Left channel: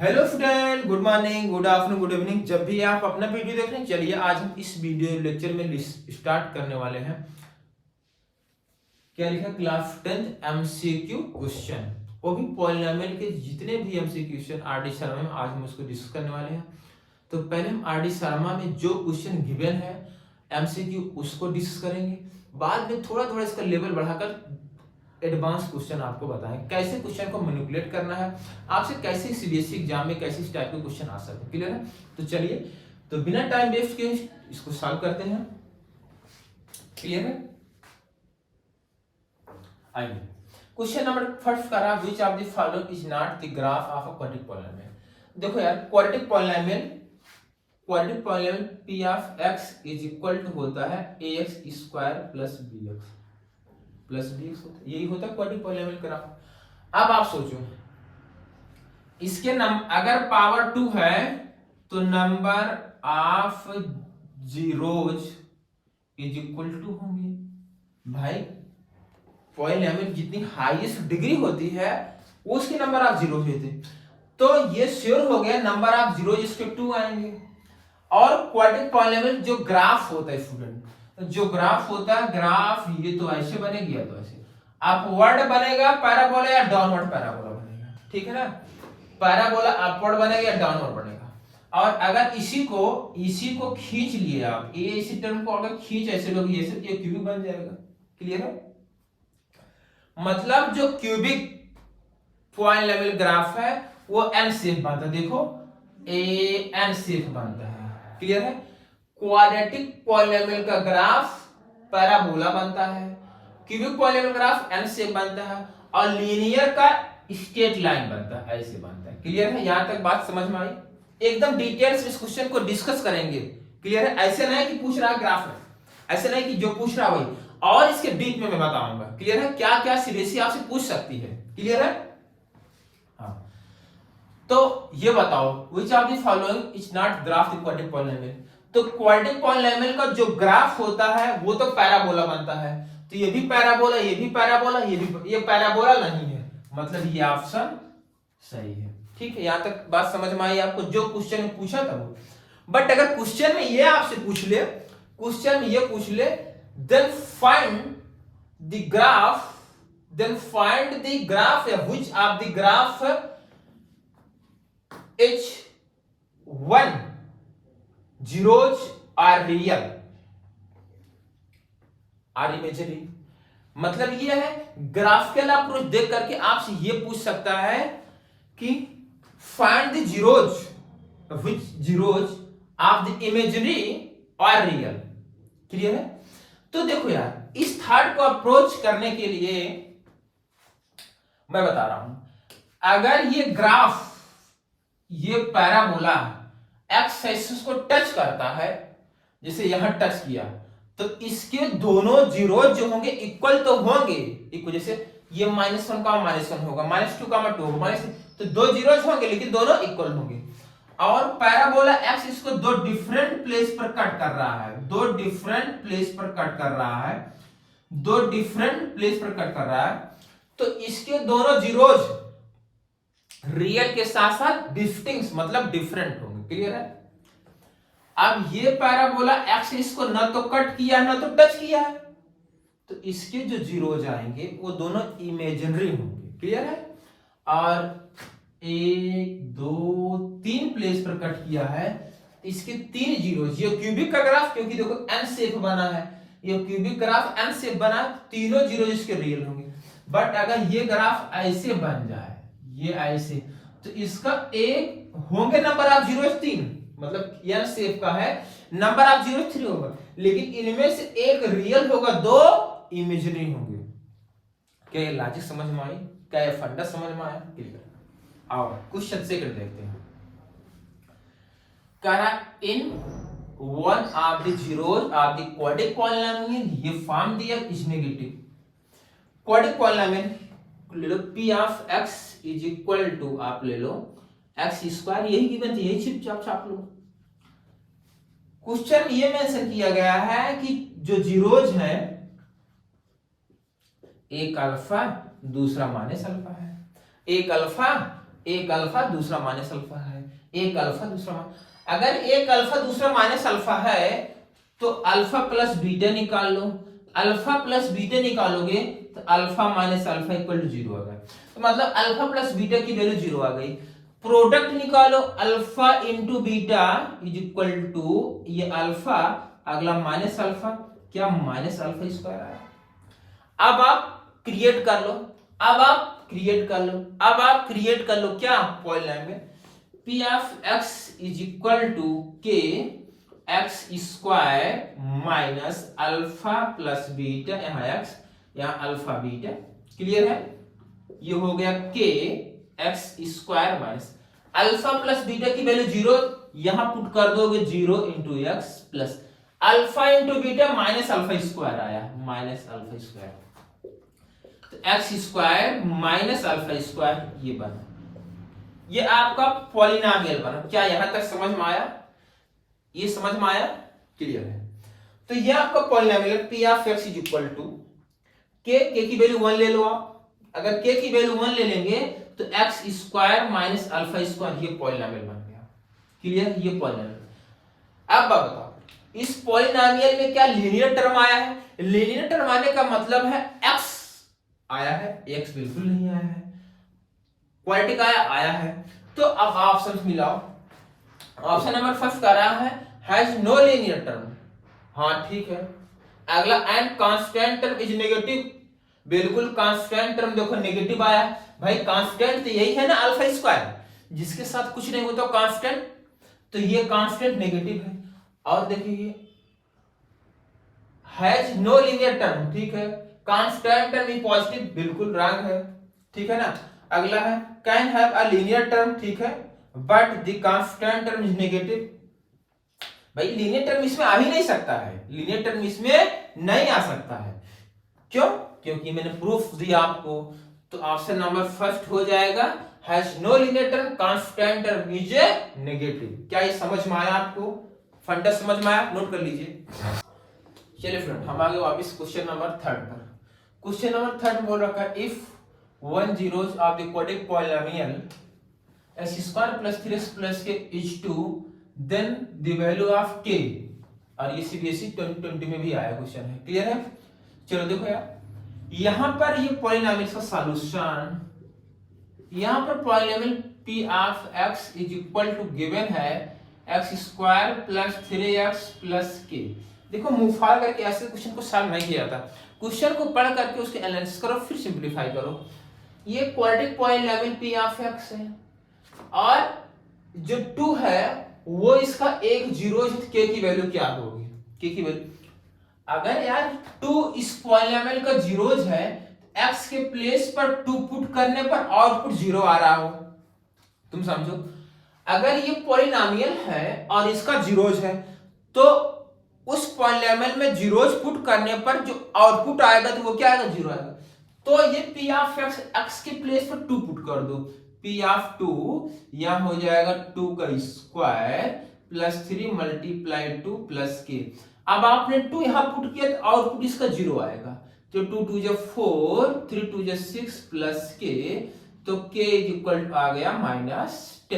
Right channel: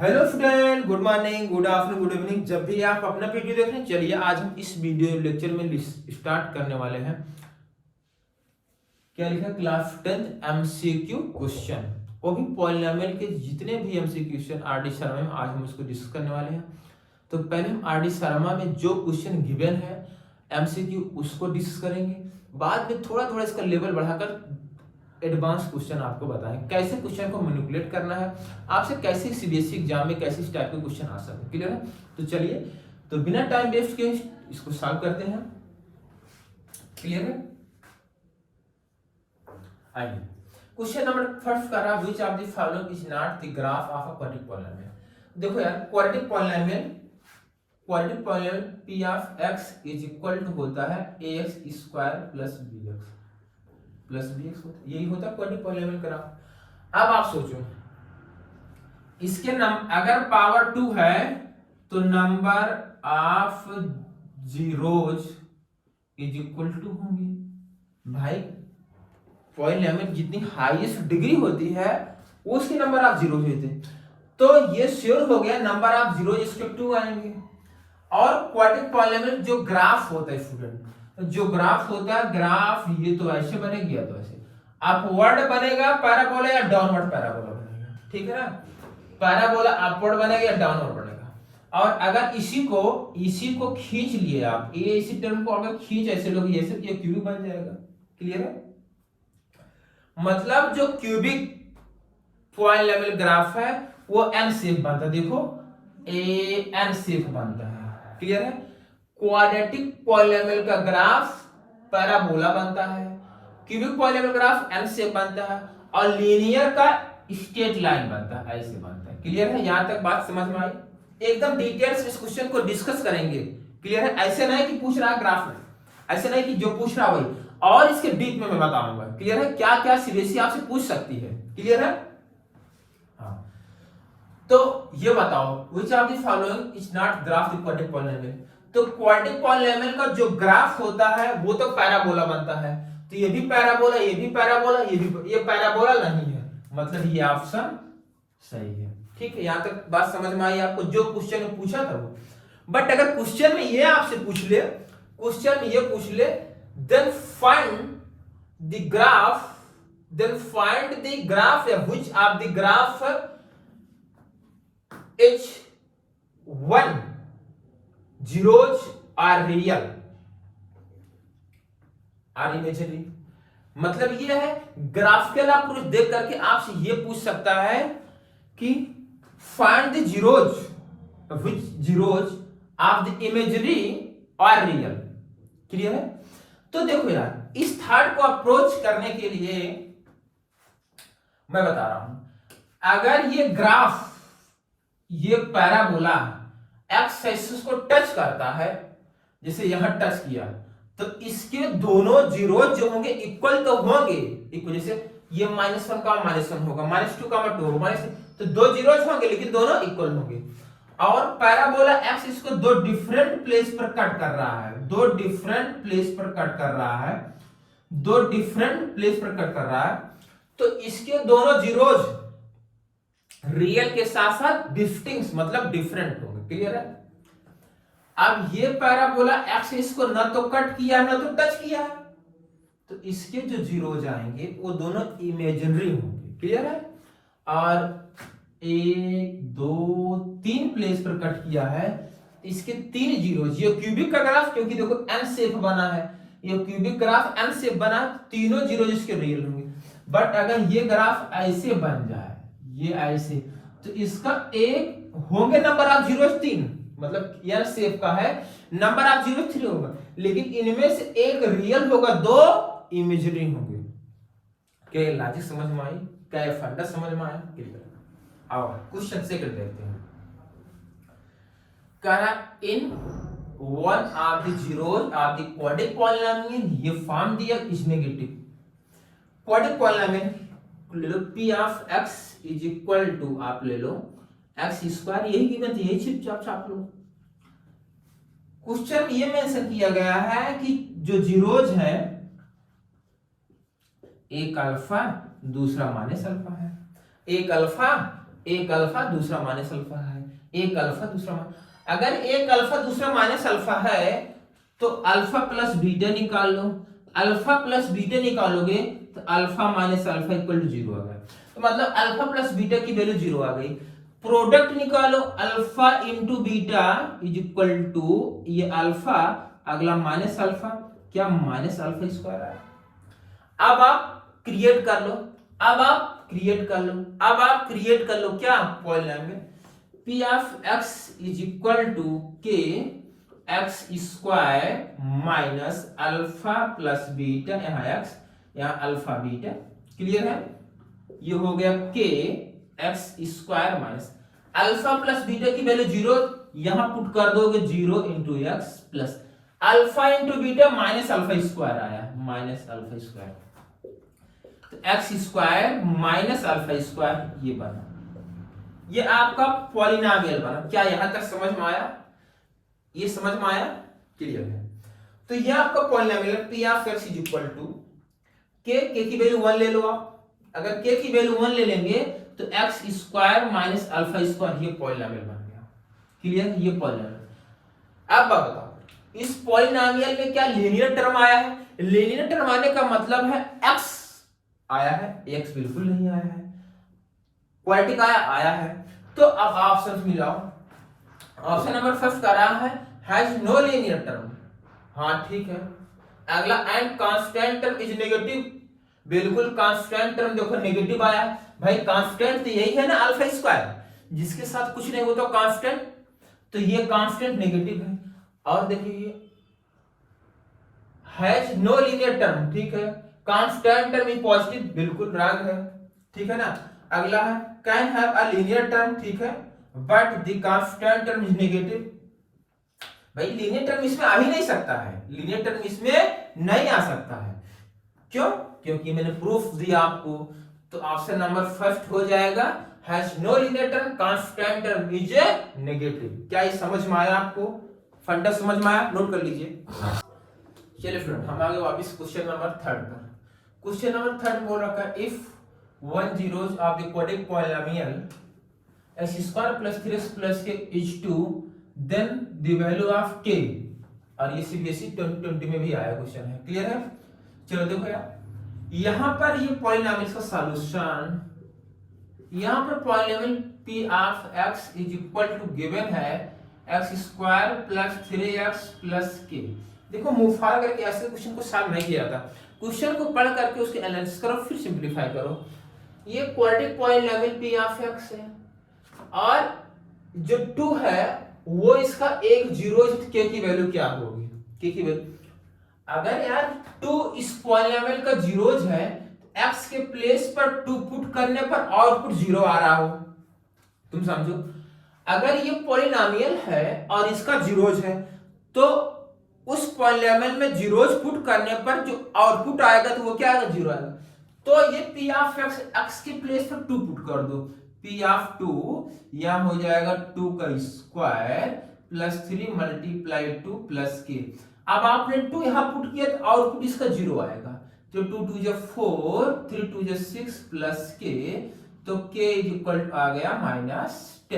Hello student, good morning, good afternoon, good evening. जब भी आप अपना वीडियो देख रहे हैं, चलिए आज हम इस वीडियो लेक्चर में स्टार्ट करने वाले हैं। क्या लिखा? क्लास 10 एमसीक्यू क्वेश्चन, वो भी पॉलिनोमियल के जितने भी एमसीक्यू क्वेश्चन आरडी शर्मा में, आज हम उसको डिस्कस करने वाले हैं। तो पहले हम आरडी शर्मा में जो क्वेश्चन गिवन है एमसीक्यू उसको डिस्कस करेंगे। बाद में थोड़ा थोड़ा इसका लेवल बढ़ाकर एडवांस क्वेश्चन आपको बताएं, कैसे क्वेश्चन को मैनिपुलेट करना है, आपसे कैसे सीबीएसई एग्जाम में कैसे इस टाइप के क्वेश्चन आ सकते हैं। क्लियर है? तो चलिए, तो बिना टाइम वेस्ट के इसको सॉल्व करते हैं। क्लियर है? आइए, क्वेश्चन नंबर फर्स्ट कर रहा है, which of the following is not the graph of a quadratic polynomial. देखो यार, quadratic polynomial p of x is equal to होता है ax स्क्वायर प्लस bx होता है, यही होता है क्वाड्रेटिक पॉलिनोमियल ग्राफ। अब आप सोचो, इसके अगर पावर 2 है तो number of zeros is equal to होंगे। भाई, पॉलिनोमियल जितनी हाईएस्ट डिग्री होती है उसके नंबर ऑफ जीरोज होते हैं, तो ये श्योर हो गया नंबर ऑफ जीरोज इसके 2 आएंगे। और क्वाड्रेटिक पॉलिनोमियल जो ग्राफ होता है स्टूडेंट, जो ग्राफ होता है, ग्राफ ये तो ऐसे बनेगी या तो ऐसे अपवर्ड बनेगा पैराबोला या डाउनवर्ड पैराबोला बनेगा। ठीक है ना? पैराबोला अपवर्ड बनेगा या डाउनवर्ड बनेगा। और अगर इसी को खींच लिए आप, ये इसी टर्म को अगर खींच ऐसे लोग ये क्यूबिक बन जाएगा। क्लियर है? मतलब जो क्यूबिक पॉलिनोमियल ग्राफ है वो एन शेप बनता है। देखो, ए एन शेप बनता है। क्लियर है? क्वाड्रेटिक पॉलिनोमियल का ग्राफ पैराबोला बनता है, cubic polynomial graph N shape बनता है, और लीनियर का स्ट्रेट लाइन बनता है, ऐसे बनता है। क्लियर है? यहां तक बात समझ में आई? एकदम डिटेल्स इस क्वेश्चन को डिस्कस करेंगे। क्लियर है? ऐसे नहीं कि पूछ रहा ग्राफ में, ऐसे नहीं कि जो पूछ रहा वही, और इसके डीप में मैं बताऊंगा। क्लियर है? क्या क्या सीबीएसई आपसे पूछ सकती है। क्लियर है? हाँ, तो ये बताओ, which of the following is not graph the quadratic polynomial. तो क्वाड्रेटिक पॉलिनोमियल का जो ग्राफ होता है वो तो पैराबोला बनता है, तो ये भी पैराबोला, ये भी पैराबोला, ये पैराबोला नहीं है, मतलब ये ऑप्शन सही है। ठीक है? यहां तक बात समझ में आई आपको? जो क्वेश्चन में पूछा था वो। बट अगर क्वेश्चन में ये आपसे पूछ ले, देन फाइंड द ग्राफ या which of the graph H1 zeros are real और इमेजिनरी। मतलब ये है, ग्राफिकल अप्रोच देख करके आपसे ये पूछ सकता है कि find the zeros, which zeros of the imaginary और रियल। क्लियर है? तो देखो यार, इस थर्ड को अप्रोच करने के लिए मैं बता रहा हूं, अगर ये ग्राफ, ये पैराबोला एक्स एक्सिस को टच करता है, जैसे यहां टच किया, तो इसके दोनों जीरो जो होंगे इक्वल तो होंगे। इक्वल, जैसे ये -1 का -1 होगा, -2 का -2 होगा, तो दो जीरोज होंगे लेकिन दोनों इक्वल होंगे। और पैराबोला एक्स इसको दो डिफरेंट प्लेस पर कट कर रहा है, दो डिफरेंट प्लेस पर कट कर रहा है, तो इसके दोनों जीरोज रियल के साथ साथ डिस्टिंक्ट मतलब डिफरेंट होंगे। क्लियर है? अब ये पैराबोला एक्स इसको न तो कट किया न तो टच किया, तो इसके जो जीरोज आएंगे वो दोनों इमेजिनरी होंगे। क्लियर है? और 1 2 3 प्लेस पर कट किया है, इसके 3 जीरोज, ये क्यूबिक का ग्राफ, क्योंकि देखो एन शेप बना है, ये क्यूबिक ग्राफ एन शेप बना, तीनों जीरोज इसके रियल होंगे। बट अगर ये ग्राफ ऐसे बन जाए, ये ऐसे, तो इसका एक होंगे नंबर ऑफ जीरोज 3, मतलब एन शेप का है, नंबर ऑफ जीरोज 3 होगा, लेकिन इनमें से एक रियल होगा, 2 इमेजिनरी होंगे। क्या ये लॉजिक समझ में आई? क्या ये फंडा समझ में आया? क्लियर? आओ क्वेश्चन सेकंड देखते हैं। कह रहा in one of the zeros of the quadratic polynomial, ये फॉर्म दिया इज नेगेटिव। क्वाड्रेटिक पॉलिनोमियल ले लो, p of x is equal to, आप ले लो x स्क्वायर, यही गिवन थी, यही चिप छाप लो। क्वेश्चन ये मेंशन किया गया है कि जो जीरोज है, एक अल्फा दूसरा माइनस अल्फा है, एक अल्फा एक अल्फा दूसरा माइनस अल्फा है, एक अल्फा दूसरा अगर एक अल्फा दूसरा माइनस अल्फा है तो अल्फा प्लस बीटा निकाल लो, अल्फा प्लस बीटा निकालोगे तो alpha minus alpha equal to 0 आ गया। तो मतलब अल्फा प्लस बीटा की वैल्यू 0 आ गई। प्रोडक्ट निकालो, alpha into beta is equal to ये अल्फा अगला माइनस अल्फा, क्या माइनस अल्फा स्क्वायर आया। अब आप क्रिएट कर लो, अब आप क्रिएट कर लो, अब आप क्रिएट कर लो क्या polynomial p of x is equal to k x square minus alpha plus beta, यहाँ x यहाँ अल्फा बीटा, क्लियर है। ये हो गया k x square minus alpha plus beta की वैल्यू 0, यहां पुट कर दोगे 0 into x plus alpha into beta minus alpha square आया, माइनस अल्फा स्क्वायर, तो x square minus alpha square ये बना, ये आपका पॉलिनोमियल बना। क्या यहां तक समझ में आया, ये समझ में आया, क्लियर है। तो ये आपका polynomial p of x is equal to k की वैल्यू 1 ले लो आप, अगर k की वैल्यू 1 ले लेंगे तो x square minus alpha square, ये पॉलिनोमियल बन गया, क्लियर, ये पॉलिनोमियल। अब बताओ इस पॉलिनोमियल में क्या लीनियर टर्म आया है, लीनियर टर्म आने का मतलब है x आया है, x बिल्कुल नहीं आया है, क्वाड्रेटिक आया है। तो अब ऑप्शन मिलाओ, ऑप्शन नंबर फर्स्ट का रहा है हैज नो लीनियर टर्म, हाँ ठीक है। अगला and constant term is negative, बिल्कुल कांस्टेंट टर्म देखो नेगेटिव आया है, भाई कांस्टेंट तो यही है ना अल्फा स्क्वायर, जिसके साथ कुछ नहीं हो तो कांस्टेंट, तो ये कांस्टेंट नेगेटिव है। और देखिए हैज नो लीनियर टर्म, ठीक है, कांस्टेंट टर्म भी पॉजिटिव, बिल्कुल रॉन्ग है, ठीक है ना। अगला है can have a linear term, ठीक है, but the constant term is negative, भाई लीनियर टर्म इसमें आ ही नहीं सकता है, लीनियर टर्म इसमें नहीं आ सकता है, क्यों, क्योंकि मैंने प्रूफ दिया आपको। तो ऑप्शन नंबर फर्स्ट हो जाएगा has no linear term, constant term is negative. क्या ये समझ में आया आपको, फंडा समझ में आया, नोट कर लीजिए। चलिए फ्रेंड हम आगे वापस क्वेश्चन नंबर थर्ड पर। क्वेश्चन नंबर थर्ड बोल रखा है if one zeros of the quadratic polynomial x square plus 3x plus k is 2 then the value of k, और ये सीबीएसई 2020 में भी आया क्वेश्चन है, क्लियर है। चलो देखो यार यहां पर ये पॉलिनोमियल का सॉल्यूशन, यहां पर polynomial p of x is equal to given है x square plus 3x plus k। देखो मुफार करके ऐसे क्वेश्चन को सॉल्व नहीं किया था, क्वेश्चन को पढ़ करके उसके एनालिसिस करो फिर सिंपलीफाई करो। ये quadratic polynomial p of x है और जो 2 है वो इसका एक जीरो, k की वैल्यू क्या होगी, k की वैल्यू, अगर यार 2 इस पॉलिनोमियल का जीरोज है x के प्लेस पर 2 पुट करने पर आउटपुट 0 आ रहा हो, तुम समझो। अगर ये पॉलिनोमियल है और इसका जीरोज है तो उस पॉलिनोमियल में जीरोज पुट करने पर जो आउटपुट आएगा तो वो क्या आएगा, 0 आएगा। तो ये p ऑफ x के प्लेस पर 2 पुट कर दो, p ऑफ 2 यहां हो जाएगा 2 का square plus 3 multiply 2 plus k। अब आपने 2 यहां पुट किया तो आउटपुट इसका 0 आएगा, तो 2 2 जा 4 3 2 जा 6 प्लस k, तो k इज इक्वल टू आ गया -10, k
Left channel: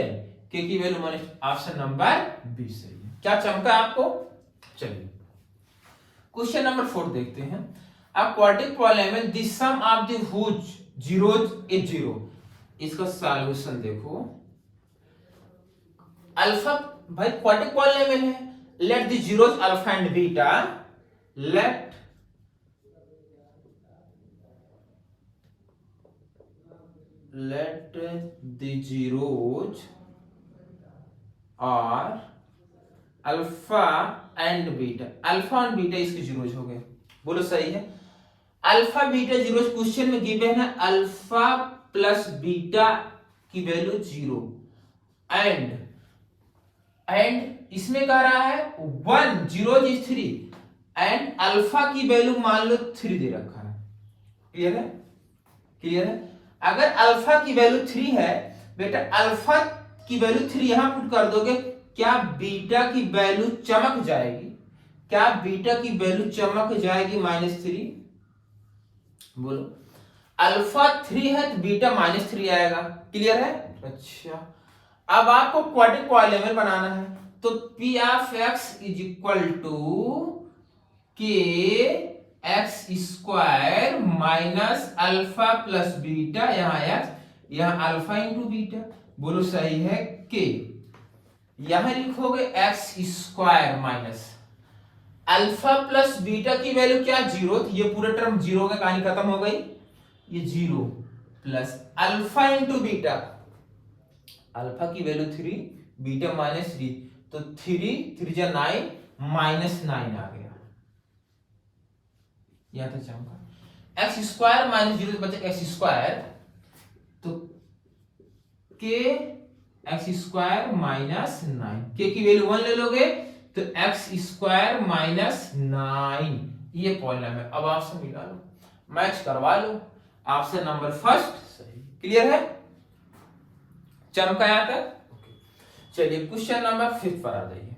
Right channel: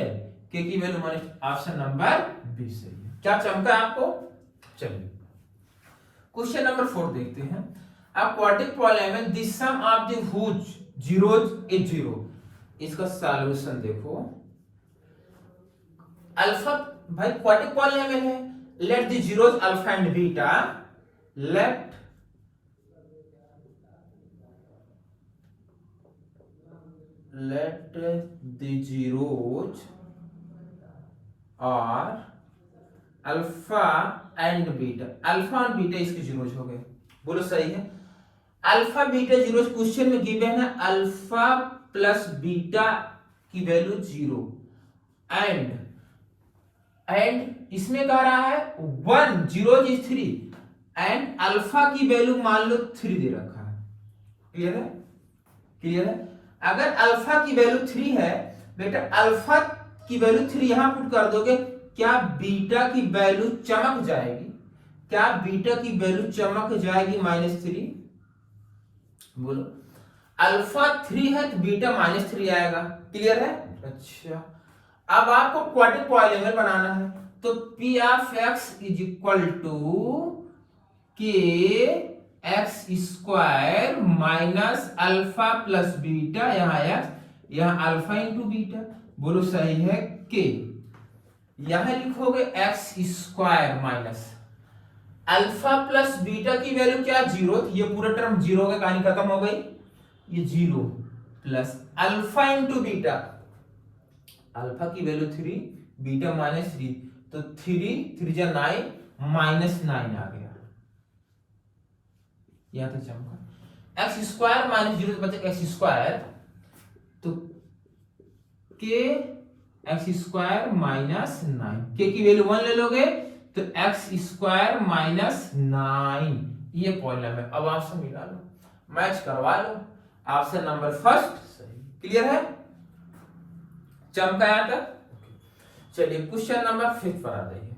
की value minus, option number B सही है। क्या चमका आपको, चलिए क्वेश्चन नंबर 4 देखते हैं। A quadratic polynomial the sum of the whose zeros is 0, इसका सॉल्यूशन देखो। अल्फा भाई क्वाड्रेटिक पॉलिनोमियल है, let the zeros alpha and beta, let the zeros और alpha and beta, alpha and beta इसके zeros हो गए, बोलो सही है। अल्फा बीटा जीरो क्वेश्चन में गिवन है अल्फा प्लस बीटा की वैल्यू 0 एंड इसमें कह रहा है 1 0 इज 3 एंड अल्फा की वैल्यू मान लो 3 दे रखा है, क्लियर है, क्लियर है। अगर अल्फा की वैल्यू 3 है बेटा, अल्फा की वैल्यू 3 यहां पुट कर दोगे, क्या बीटा की वैल्यू चमक जाएगी, क्या बीटा की वैल्यू चमक जाएगी -3, बोलो। अल्फा 3 है तो बीटा -3 आएगा। क्लियर है? अच्छा, अब आपको क्वाड्रेटिक पॉलीनोमियल बनाना है, तो P of x is equal to के x square minus alpha plus beta, यहाँ एक्स यहाँ अल्फा इंटू बीटा, बोलो सही है के। यहां लिखोगे x square minus alpha plus beta की वैल्यू क्या, 0, ये पूरा टर्म 0 का कहानी खत्म हो गई, ये 0 plus alpha into beta, alpha की वैल्यू 3, बीटा -3, तो 3 जा 9 -9 आ गया, यहां तक चमका। एक्स स्क्वायर माइनस 0 बचे एक्स स्क्वायर, तो के एक्स स्क्वायर माइनस 9, के की वैल्यू 1 ले लोगे तो एक्स स्क्वायर माइनस 9, ये पॉलिनोमियल। अब आपसे मिला लो, मैच करवा लो, आपसे नंबर फर्स्ट सही। क्लियर है? चमका यहां तक? चलिए क्वेश्चन नंबर 5 पर आ जाइए।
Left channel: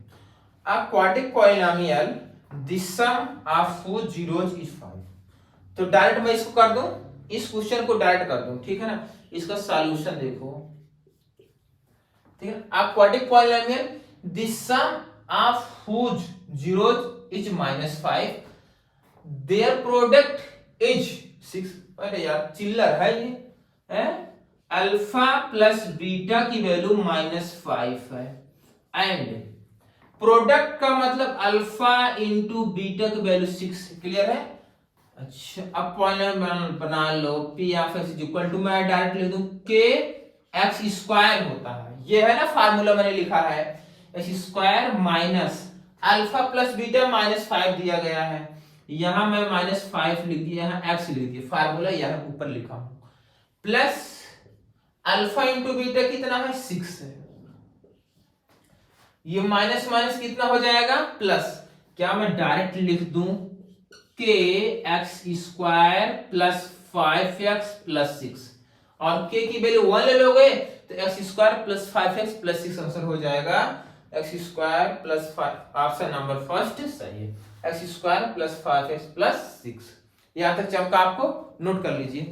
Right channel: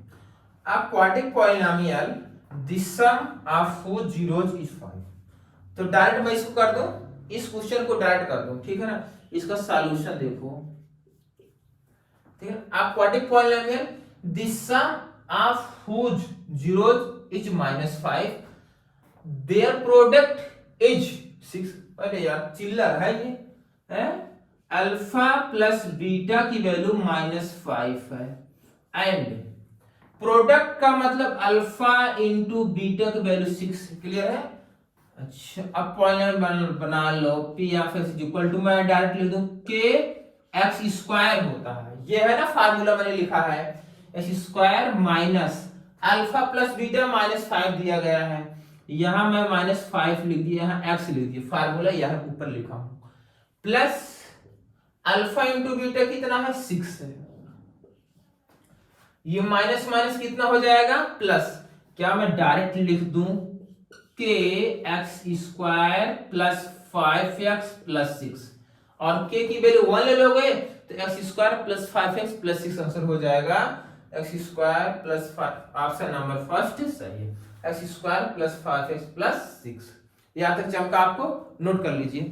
A quadratic polynomial the sum of 4 zeros is 5। तो डायरेक्ट मैं इसको कर दूं, इस क्वेश्चन को डायरेक्ट कर दूं, ठीक है ना। इसका सॉल्यूशन देखो, ठीक है। A quadratic polynomial the sum of whose zeros is -5, their product is 6। अरे यार चिल्लर है ये, है अल्फा प्लस बीटा की वैल्यू -5 है, एंड प्रोडक्ट का मतलब अल्फा इंटू बीटा की वैल्यू 6। क्लियर है? अच्छा, अब पॉइंट बना लो, P of x is equal to, मैं डायरेक्ट लिख दूं के एक्स स्क्वायर होता है, ये है ना फार्मूला मैंने लिखा है, x square minus alpha plus beta -5 दिया गया है, यहां मैं -5 लिख दिया, यहां एक्स लिख दिया, फार्मूला यहां ऊपर लिखा हूं, प्लस अल्फा इंटू बीटा कितना है 6 है, ये माइनस माइनस कितना हो जाएगा प्लस, क्या मैं डायरेक्ट लिख दूं के x square plus 5x plus 6, और के की वैल्यू 1 ले लोगे तो x square plus 5x plus 6 answer हो जाएगा, x square plus 5, option number first सही है, x square plus 5x plus 6। यहां तक चमका आपको नोट कर लीजिए।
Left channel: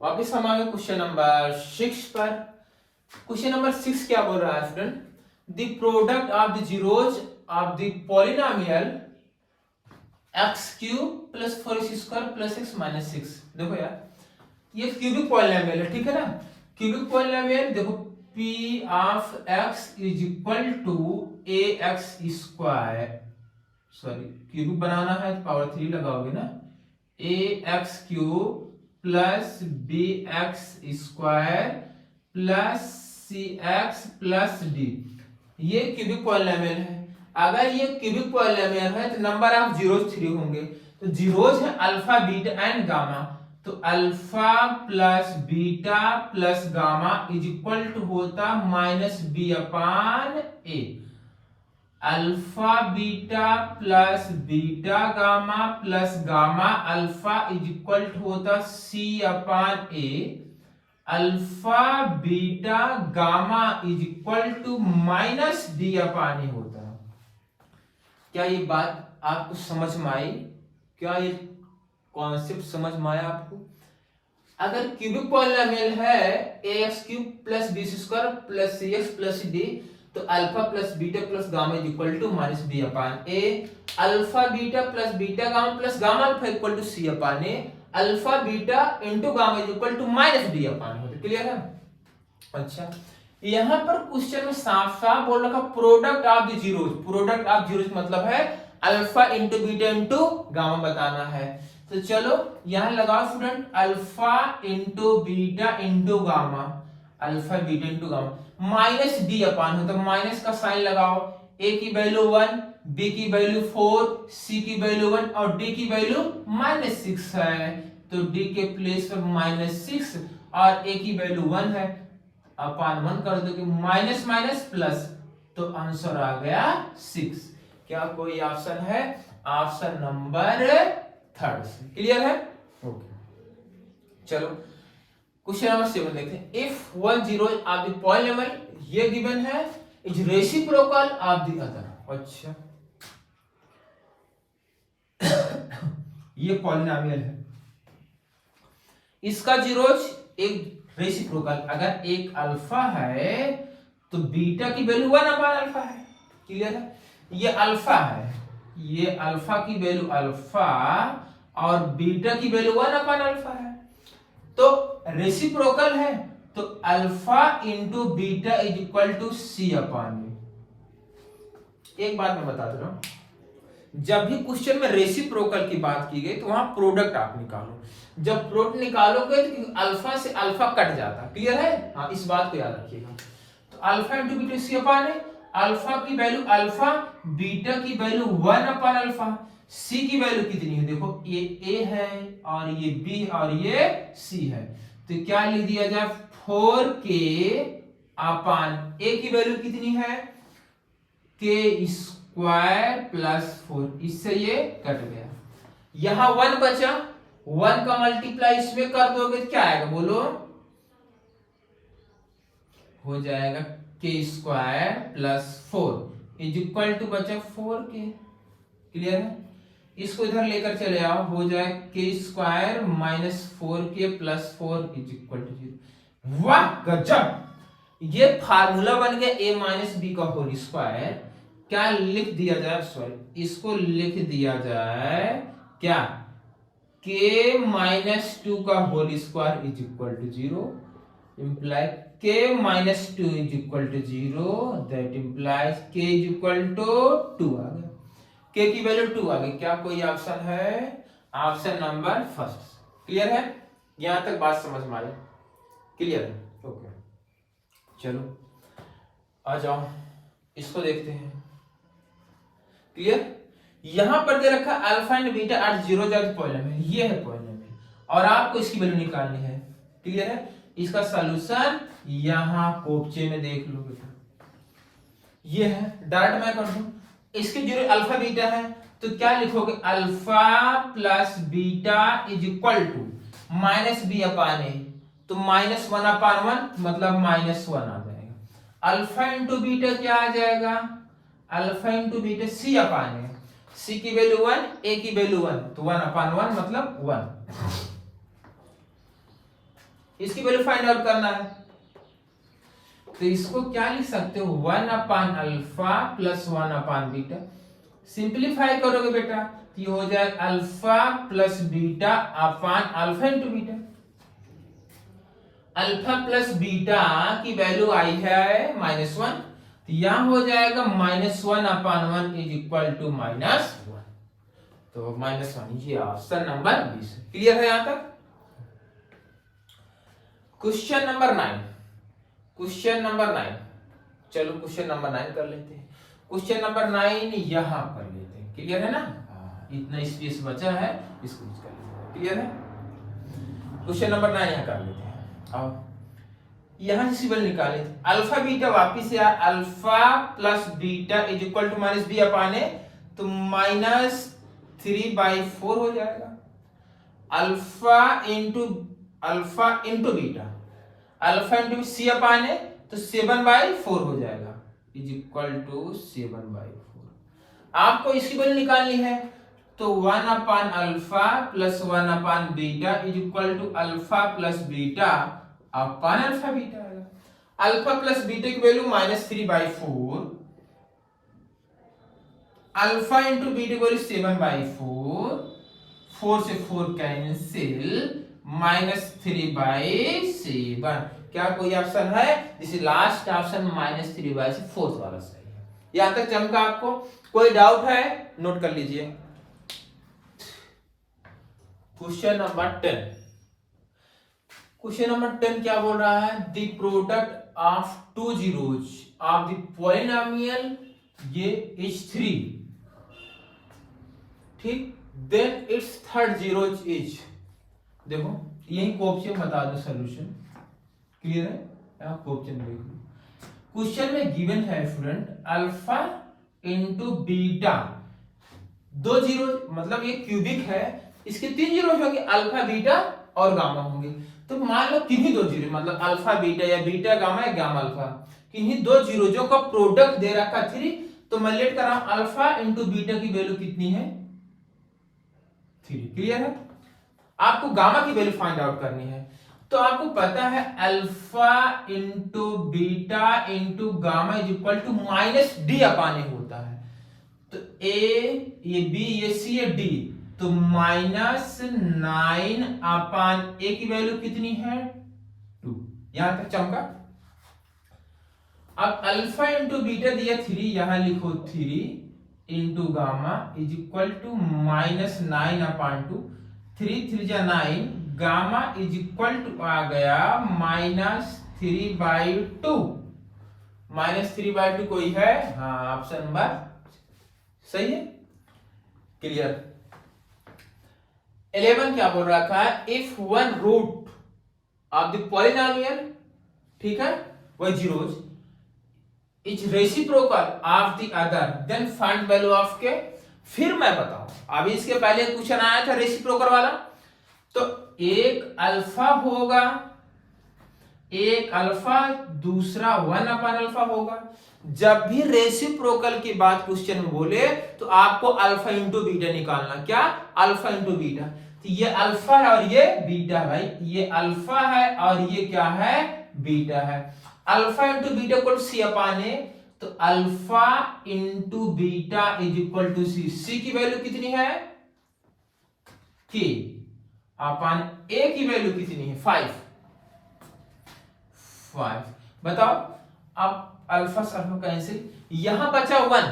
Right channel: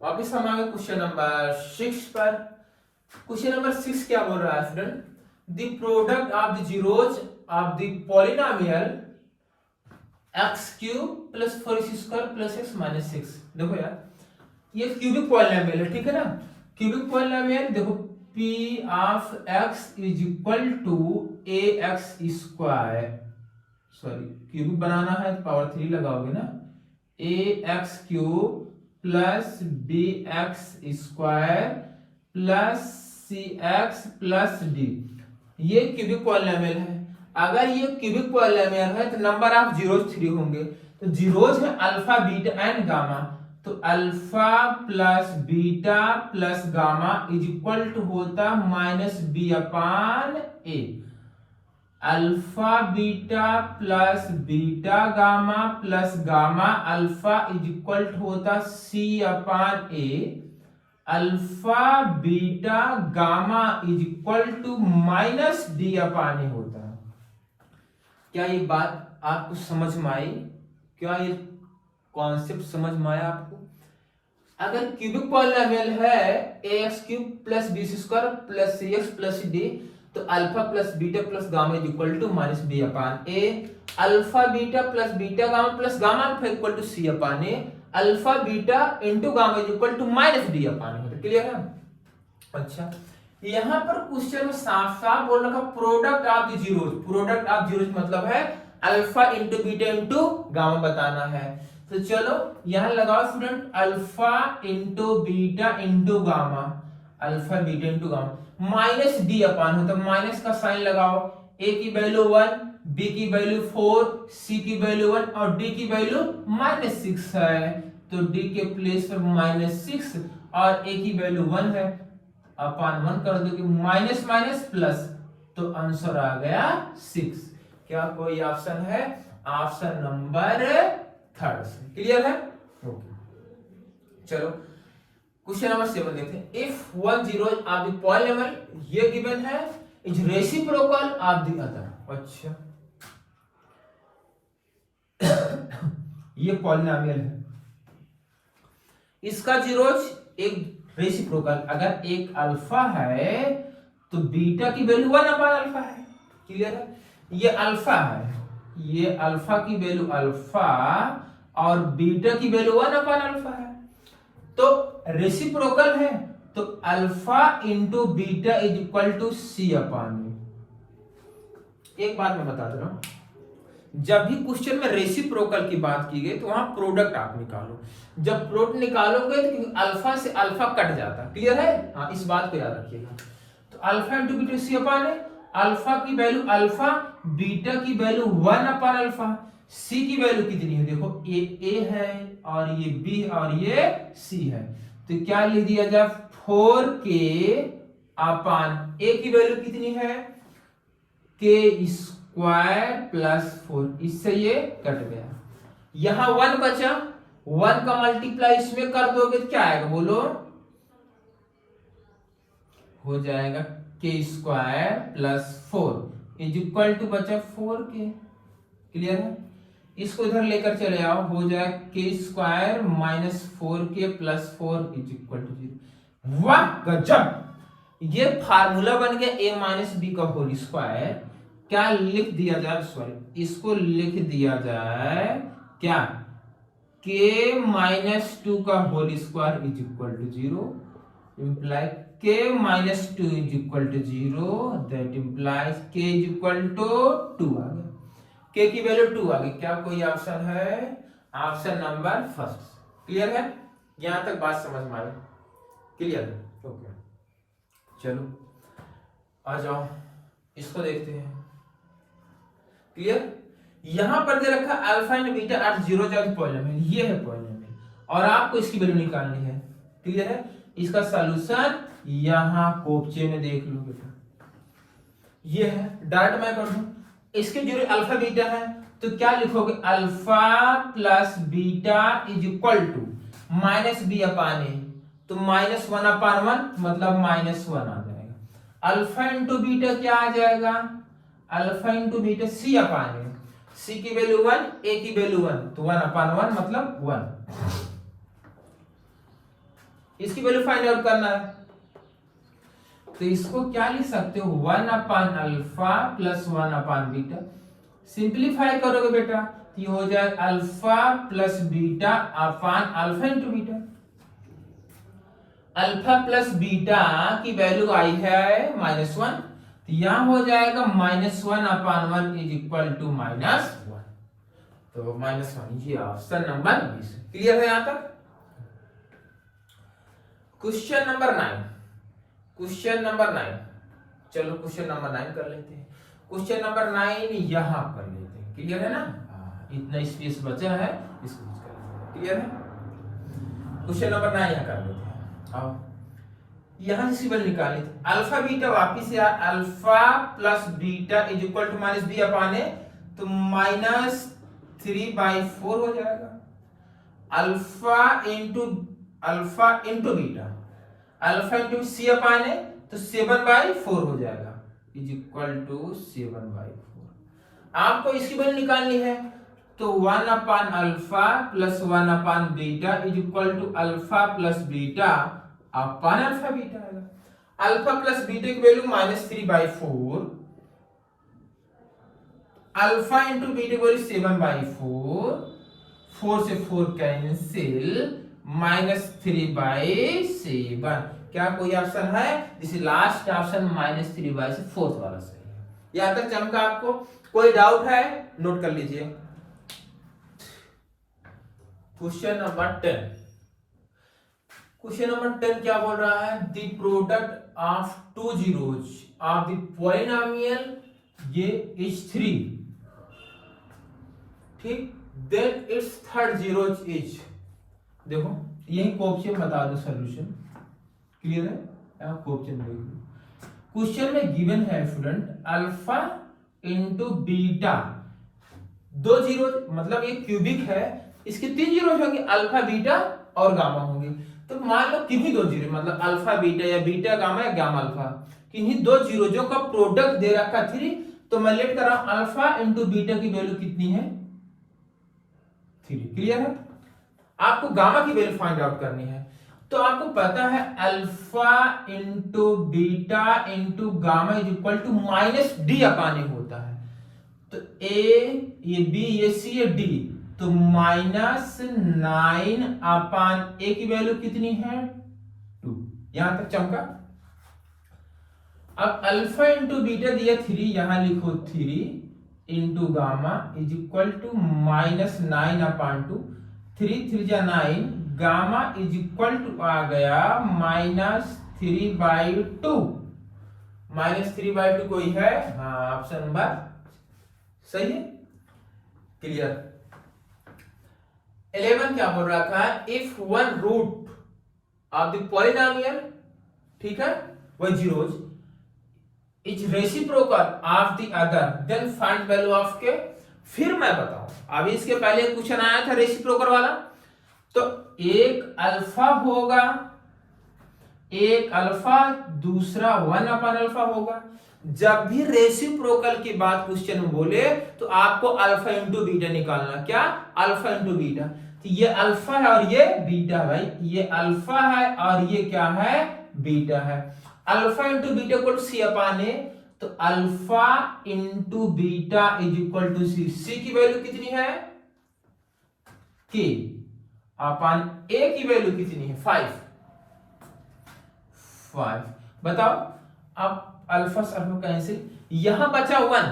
वापिस हम आ गए क्वेश्चन नंबर 6 पर। क्वेश्चन नंबर 6 क्या बोल रहा है student, the product of the zeros of the polynomial x cube plus 4x square plus x minus 6। देखो यार ये क्यूबिक पॉलिनोमियल है, ठीक है ना। क्यूबिक पॉलिनोमियल देखो, p of x is equal to ax square, sorry cubic बनाना है तो पावर 3 लगाओगे ना, ax cube plus bx square plus cx plus d, ये क्यूबिक पॉलिनोमियल है। अगर ये क्यूबिक पॉलिनोमियल है तो नंबर ऑफ जीरोज 3 होंगे, तो जीरोज है अल्फा बीटा एंड गामा, तो alpha plus beta plus gamma is equal to होता -b/a, alpha beta plus beta gamma plus gamma alpha is equal to होता c/a, alpha beta gamma is equal to -d/a होता है। क्या ये बात आपको समझ में आई? क्या ये कॉन्सेप्ट समझ में आया आपको? अगर क्यूबिक पॉलिनोमियल है ax cube plus b square plus cx plus d, तो alpha plus beta plus gamma is equal to -b/a, alpha beta plus beta gamma plus gamma alpha equal to c/a, alpha beta into gamma is equal to -d/a होता है। Clear है? अच्छा, यहां पर question में साफ साफ बोल रखा product of the zeros, product of zeros मतलब है alpha into beta into gamma बताना है। तो चलो यहां लगाओ student, alpha into beta into gamma, alpha beta into gamma minus d/, होता माइनस का साइन लगाओ, a की वैल्यू 1, b की वैल्यू 4, c की वैल्यू 1 और d की वैल्यू -6 है, तो d के प्लेस पर -6 और a की वैल्यू 1 है, अपान 1 कर दो कि माइनस माइनस प्लस, तो आंसर आ गया 6। क्या कोई ऑप्शन है? ऑप्शन नंबर 3 से। क्लियर है? ओके, चलो क्वेश्चन नंबर 7 देखते हैं। If one zero of the polynomial, ये गिवन है, is reciprocal of the other. अच्छा ये पॉलिनोमियल है, इसका जीरोज एक रेसिप्रोकल, अगर एक अल्फा है तो बीटा की वैल्यू 1/अल्फा है। क्लियर है? ये अल्फा है, ये अल्फा की वैल्यू अल्फा और बीटा की वैल्यू 1/अल्फा है। तो रेसिप्रोकल है तो alpha into beta is equal to C/U। एक बात मैं बता दे रहा हूं, जब भी क्वेश्चन में रेसिप्रोकल की बात की गई तो वहां प्रोडक्ट आप निकालो। जब प्रोडक्ट निकालोगे तो अल्फा से अल्फा कट जाता। क्लियर है? हाँ, इस बात को याद रखिएगा। तो अल्फा इंटू बीटा C/है, अल्फा की वैल्यू अल्फा, बीटा की वैल्यू 1/अल्फा। सी की वैल्यू कितनी है? देखो ए है और ये बी और ये सी है, तो क्या लिख दिया जाए 4k अपान ए की वैल्यू कितनी है? के स्क्वायर प्लस 4, इससे ये कट गया। यहां 1 बचा, 1 का मल्टीप्लाई इसमें कर दोगे तो क्या आएगा बोलो? हो जाएगा k square plus 4 is equal to बचा 4k। क्लियर है? इसको इधर लेकर चले आओ, हो जाए k square minus 4k plus 4 is equal to 0। वाह गजब, ये फार्मूला बन गया a माइनस बी का होल स्क्वायर। क्या लिख दिया जाए? सॉरी, इसको लिख दिया जाए क्या? k माइनस 2 का whole square is equal to 0, imply k minus 2 is equal to 0, that implies k is equal to 2 आ गया। k की वैल्यू 2 आ गई। क्या कोई ऑप्शन है? Option number first. क्लियर है? यहां तक बात समझ में आई? क्लियर है? ओके, चलो आ जाओ, इसको देखते हैं। क्लियर? यहां पर दे रखा alpha and beta at 0 polynomial, ये है पॉलिनोमियल और आपको इसकी वैल्यू निकालनी है। क्लियर है? इसका सॉल्यूशन यहां कोपचे में देख लो बेटा, ये है। डायरेक्ट मैं कर दूं, इसके जो अल्फा बीटा है तो क्या लिखोगे? Alpha plus beta is equal to minus B upon A, तो माइनस 1/1 मतलब -1 आ जाएगा। अल्फा इंटू बीटा क्या आ जाएगा? अल्फा इंटू बीटा C/ए, सी की वैल्यू 1, ए की वैल्यू 1, तो 1/1 मतलब 1। इसकी वैल्यू फाइंड आउट करना है, तो इसको क्या लिख सकते हो? 1/अल्फा प्लस 1/बीटा। सिंप्लीफाई करोगे बेटा तो ये हो जाए alpha plus beta upon alpha into beta. Alpha plus beta की वैल्यू आई है -1, तो यहां हो जाएगा -1/1 इज इक्वल टू -1, तो -1। ये ऑप्शन नंबर 20। क्लियर है यहां तक? क्वेश्चन नंबर 9, क्वेश्चन नंबर 9, चलो क्वेश्चन नंबर 9 कर लेते हैं। क्वेश्चन नंबर 9 यहां कर लेते हैं। क्लियर है ना? इतना स्पेस बचा है, इसको यूज कर लेते हैं। क्लियर है? क्वेश्चन नंबर 9 यहां कर लेते हैं। आओ, यहां से सिंबल निकाले, अल्फा बीटा वापिस से alpha plus beta is equal to minus B upon A, तो -3/4 हो जाएगा। Alpha into beta, alpha into C/ए, तो 7/4 हो जाएगा इज इक्वल टू 7/4। आपको इसकी वैल्यू निकालनी है, तो 1/अल्फा प्लस 1/बीटा is equal to alpha plus beta upon alpha beta आएगा। अल्फा प्लस बीटा की वैल्यू -3/4, अल्फा इंटू बीटा की वैल्यू 7/4, 4 से 4 कैंसिल, -3/7। क्या कोई ऑप्शन है? जिसे लास्ट ऑप्शन -3/4 वाला सही है। यहां तक चमका आपको? कोई डाउट है? नोट कर लीजिए। क्वेश्चन नंबर 10, क्वेश्चन नंबर 10 क्या बोल रहा है? The product of 2 zeros of the polynomial ये इज 3, ठीक, then its third zero is. देखो यही क्वेश्चन बता दो सॉल्यूशन। क्लियर है? आप क्वेश्चन देख लो। क्वेश्चन में गिवन है student alpha into beta, 2 zero, मतलब ये क्यूबिक है, इसके 3 जीरो होंगे, अल्फा बीटा और गामा होंगे। तो मान लो किन्हीं 2 जीरो, मतलब अल्फा बीटा या बीटा गामा या गामा अल्फा, किन्हीं 2 जीरो का प्रोडक्ट दे रखा 3, तो मैं लेट कर रहा हूं अल्फा इंटू बीटा की वैल्यू कितनी है? 3। क्लियर है? आपको गामा की वैल्यू फाइंड आउट करनी है, तो आपको पता है alpha into beta into gamma is equal to minus D upon A होता है। तो ए, ये बी, ये सी, ये डी, तो -9 अपान ए की वैल्यू कितनी है 2। यहां तक चमका। अब अल्फा इंटू बीटा दिया 3, यहां लिखो 3 into gamma is equal to -9 upon 2, 3 3 जा 9, गामा इज इक्वल टू आ गया -3/2। -3/2 कोई है? हाँ, ऑप्शन नंबर सही है। क्लियर। 11 क्या बोल रहा था? If one root of the polynomial, ठीक है, वही zeros is reciprocal of the other then find value of k. फिर मैं बताऊं, अभी इसके पहले क्वेश्चन आया था रेसिप्रोकल वाला, तो एक अल्फा होगा, एक अल्फा, दूसरा 1 अपान अल्फा होगा। जब भी रेसिप्रोकल की बात क्वेश्चन में बोले तो आपको अल्फा इंटू बीटा निकालना। क्या? Alpha into beta. तो ये अल्फा है और ये बीटा है भाई, ये अल्फा है और ये क्या है? बीटा है। Alpha into beta equal to C upon A, तो alpha into beta is equal to C. C की वैल्यू कितनी है? के अपान ए की वैल्यू कितनी है? 5। बताओ। अब अल्फा से अल्फा कैंसिल, यहां बचा 1,